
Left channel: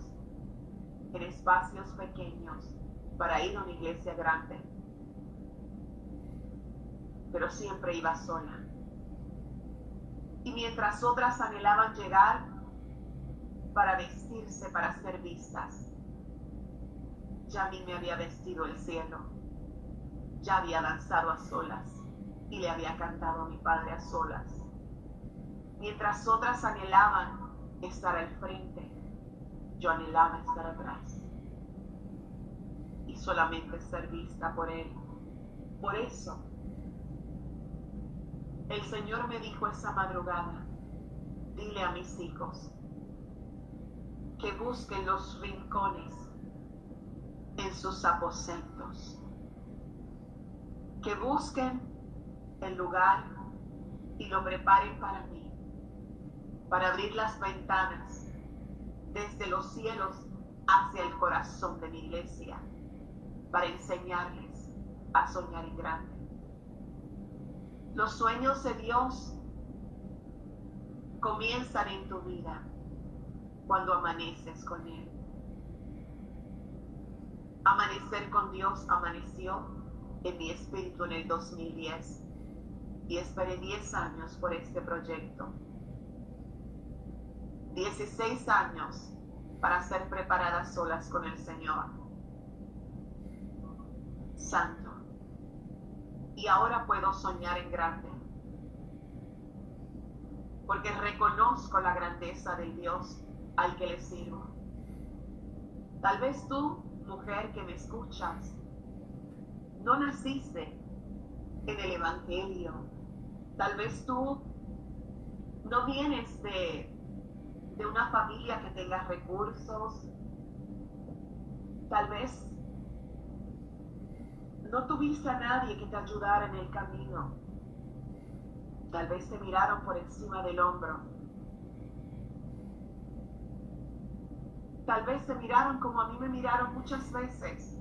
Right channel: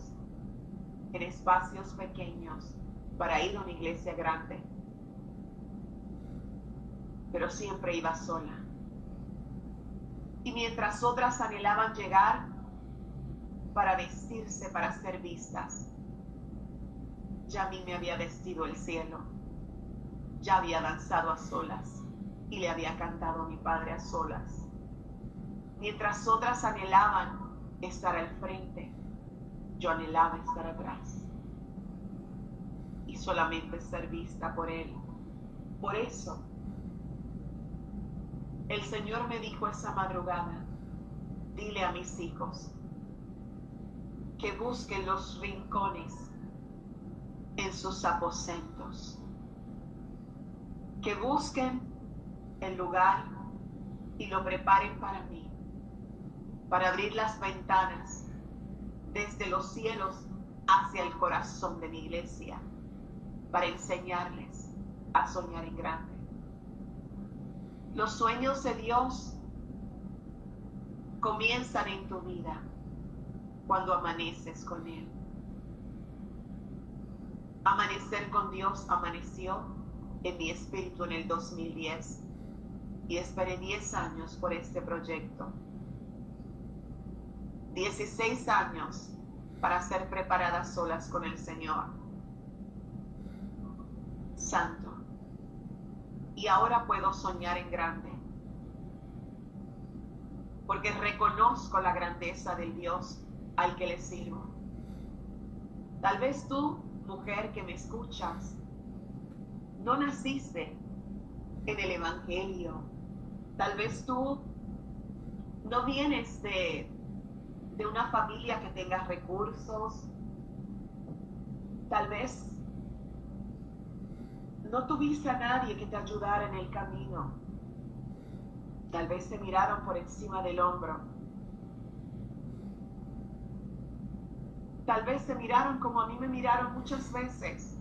en espacios pequeños para ir a una iglesia grande, pero siempre iba sola. Y mientras otras anhelaban llegar para vestirse, para ser vistas, ya a mí me había vestido el cielo, ya había danzado a solas y le había cantado a mi Padre a solas. Mientras otras anhelaban estar al frente, yo anhelaba estar atrás y solamente ser vista por Él. Por eso, el Señor me dijo esa madrugada, dile a mis hijos que busquen los rincones en sus aposentos, que busquen el lugar y lo preparen para mí, para abrir las ventanas desde los cielos hacia el corazón de mi iglesia, para enseñarles a soñar en grande. Los sueños de Dios comienzan en tu vida cuando amaneces con Él. Amanecer con Dios amaneció en mi espíritu en el 2010 y esperé 10 años por este proyecto. 16 años para ser preparadas solas con el Señor. Santo. Y ahora puedo soñar en grande, porque reconozco la grandeza del Dios al que le sirvo. Tal vez tú, mujer que me escuchas, no naciste en el Evangelio. Tal vez tú no vienes de una familia que tenga recursos. Tal vez no tuviste a nadie que te ayudara en el camino. Tal vez te miraron por encima del hombro. Tal vez te miraron como a mí me miraron muchas veces.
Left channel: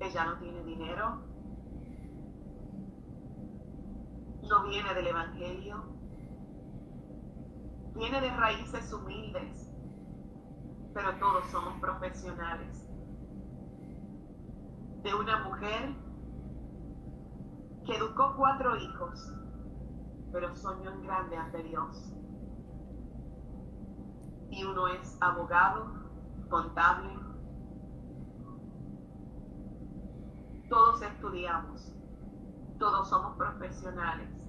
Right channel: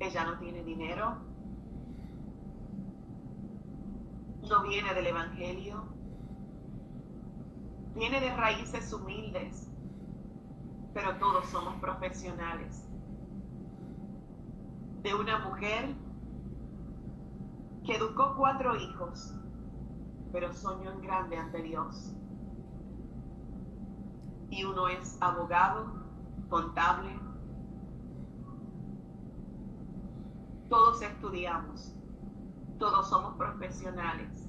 Ella no tiene dinero. No viene del Evangelio. Viene de raíces humildes. Pero todos somos profesionales. De una mujer que educó 4 hijos, pero soñó en grande ante Dios. Y uno es abogado, contable. Todos estudiamos, todos somos profesionales.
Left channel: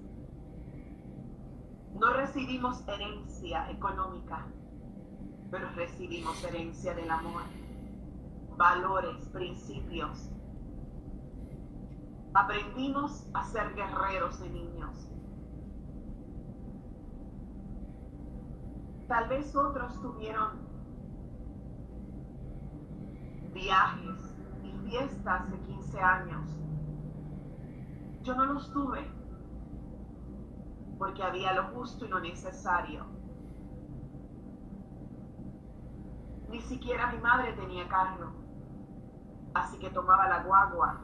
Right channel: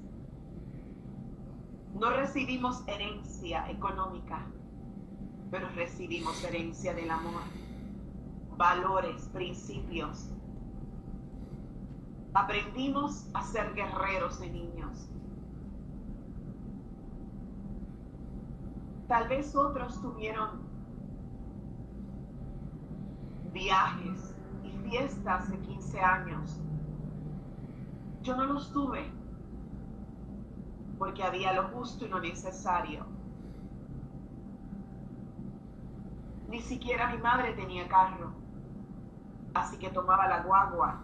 No recibimos herencia económica, pero recibimos herencia del amor, valores, principios. Aprendimos a ser guerreros de niños. Tal vez otros tuvieron viajes y fiestas de 15 años. Yo no los tuve porque había lo justo y lo necesario. Ni siquiera mi madre tenía carro, así que tomaba la guagua.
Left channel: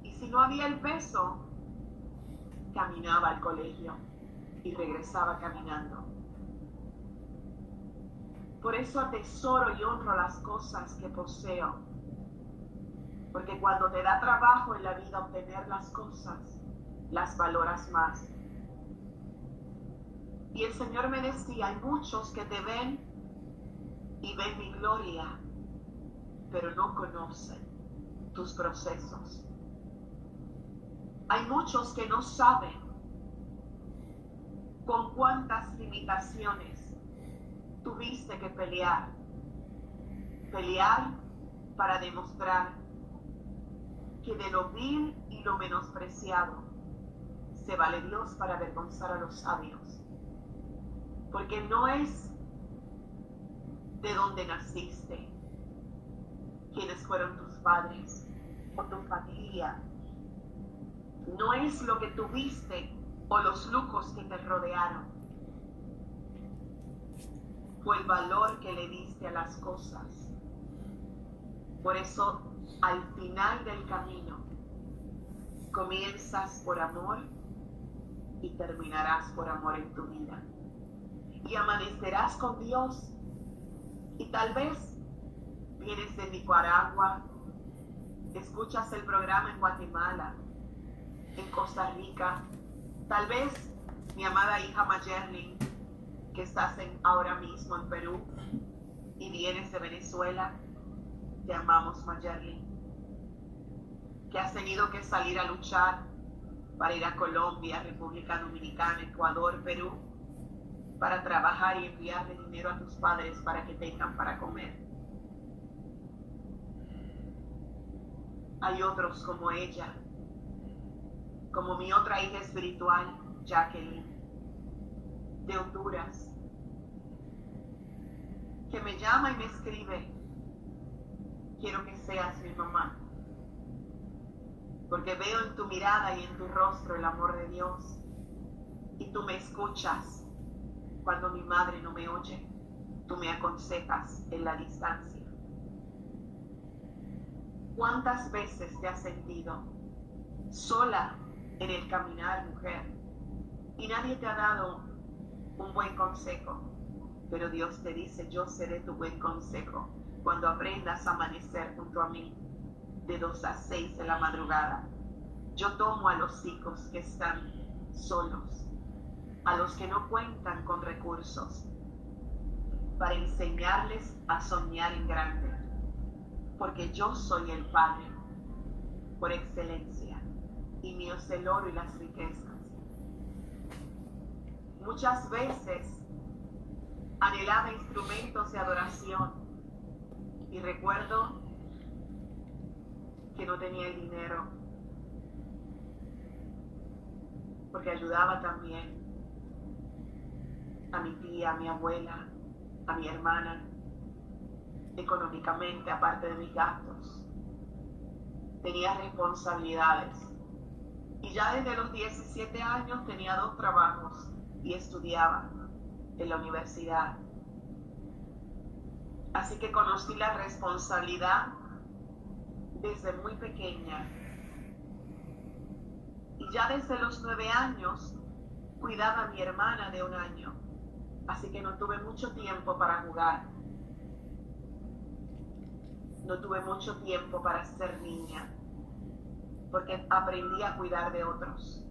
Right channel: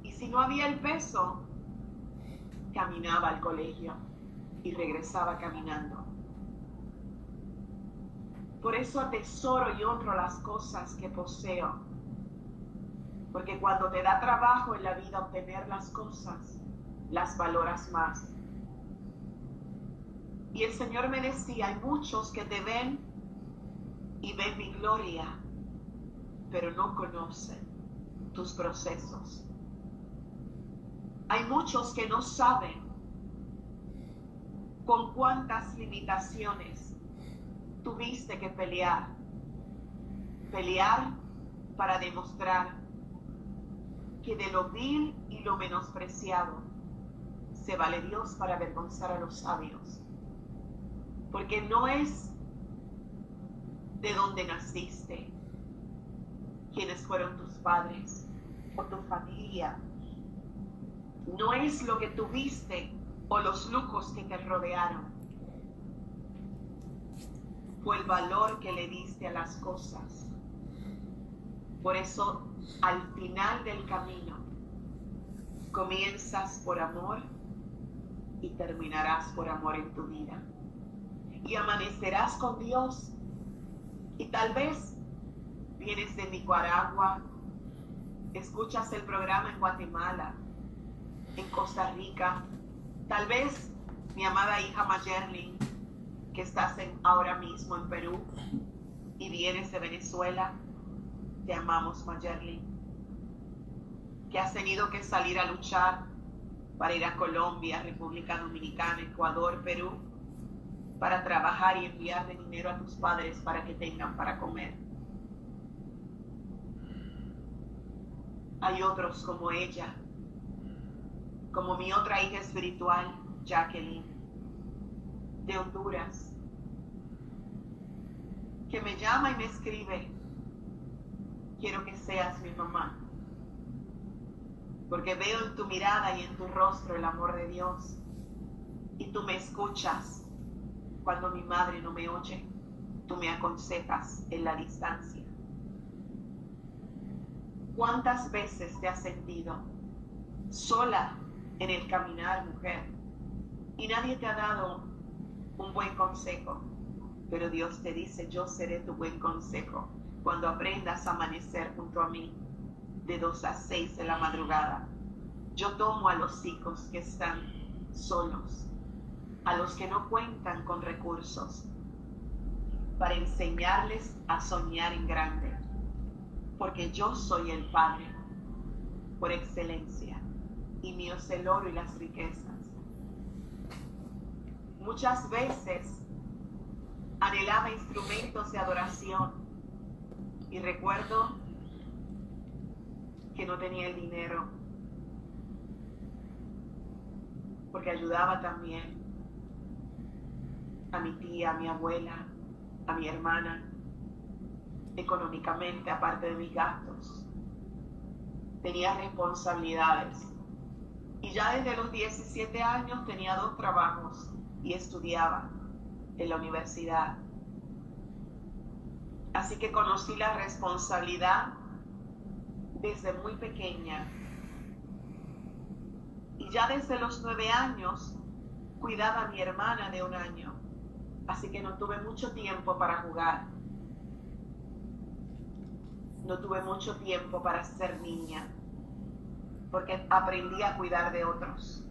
Y si no había el peso, caminaba al colegio y regresaba caminando. Por eso atesoro y honro las cosas que poseo. Porque cuando te da trabajo en la vida obtener las cosas, las valoras más. Y el Señor me decía, hay muchos que te ven y ven mi gloria, pero no conocen tus procesos. Hay muchos que no saben con cuántas limitaciones tuviste que pelear. Pelear para demostrar que de lo vil y lo menospreciado se vale Dios para avergonzar a los sabios. Porque no es de dónde naciste, quiénes fueron tus padres o tu familia. No es lo que tuviste o los lujos que te rodearon. Fue el valor que le diste a las cosas. Por eso, al final del camino, comienzas por amor y terminarás por amor en tu vida. Y amanecerás con Dios. Y tal vez vienes de Nicaragua, escuchas el programa en Guatemala, en Costa Rica, tal vez mi amada hija Mayerlin, que estás ahora mismo en Perú y vienes de Venezuela. Te amamos, Mayerlin, que has tenido que salir a luchar para ir a Colombia, República Dominicana, Ecuador, Perú, para trabajar y enviarle dinero a tus padres para que tengan para comer. Hay otros como ella, como mi otra hija espiritual, Jacqueline, de Honduras, que me llama y me escribe: quiero que seas mi mamá, porque veo en tu mirada y en tu rostro el amor de Dios, y tú me escuchas cuando mi madre no me oye, tú me aconsejas en la distancia. ¿Cuántas veces te has sentido sola en el caminar, mujer? Y nadie te ha dado un buen consejo, pero Dios te dice: yo seré tu buen consejo cuando aprendas a amanecer junto a mí de 2 a 6 de la madrugada. Yo tomo a los hijos que están solos, a los que no cuentan con recursos, para enseñarles a soñar en grande, porque yo soy el Padre por excelencia, y mío es el oro y las riquezas. Muchas veces anhelaba instrumentos de adoración y recuerdo que no tenía el dinero, porque ayudaba también a mi tía, a mi abuela, a mi hermana, económicamente, aparte de mis gastos. Tenía responsabilidades. Y ya desde los 17 años tenía 2 trabajos y estudiaba en la universidad. Así que conocí la responsabilidad desde muy pequeña. Y ya desde los 9 años cuidaba a mi hermana de 1 año. Así que no tuve mucho tiempo para jugar. No tuve mucho tiempo para ser niña, porque aprendí a cuidar de otros.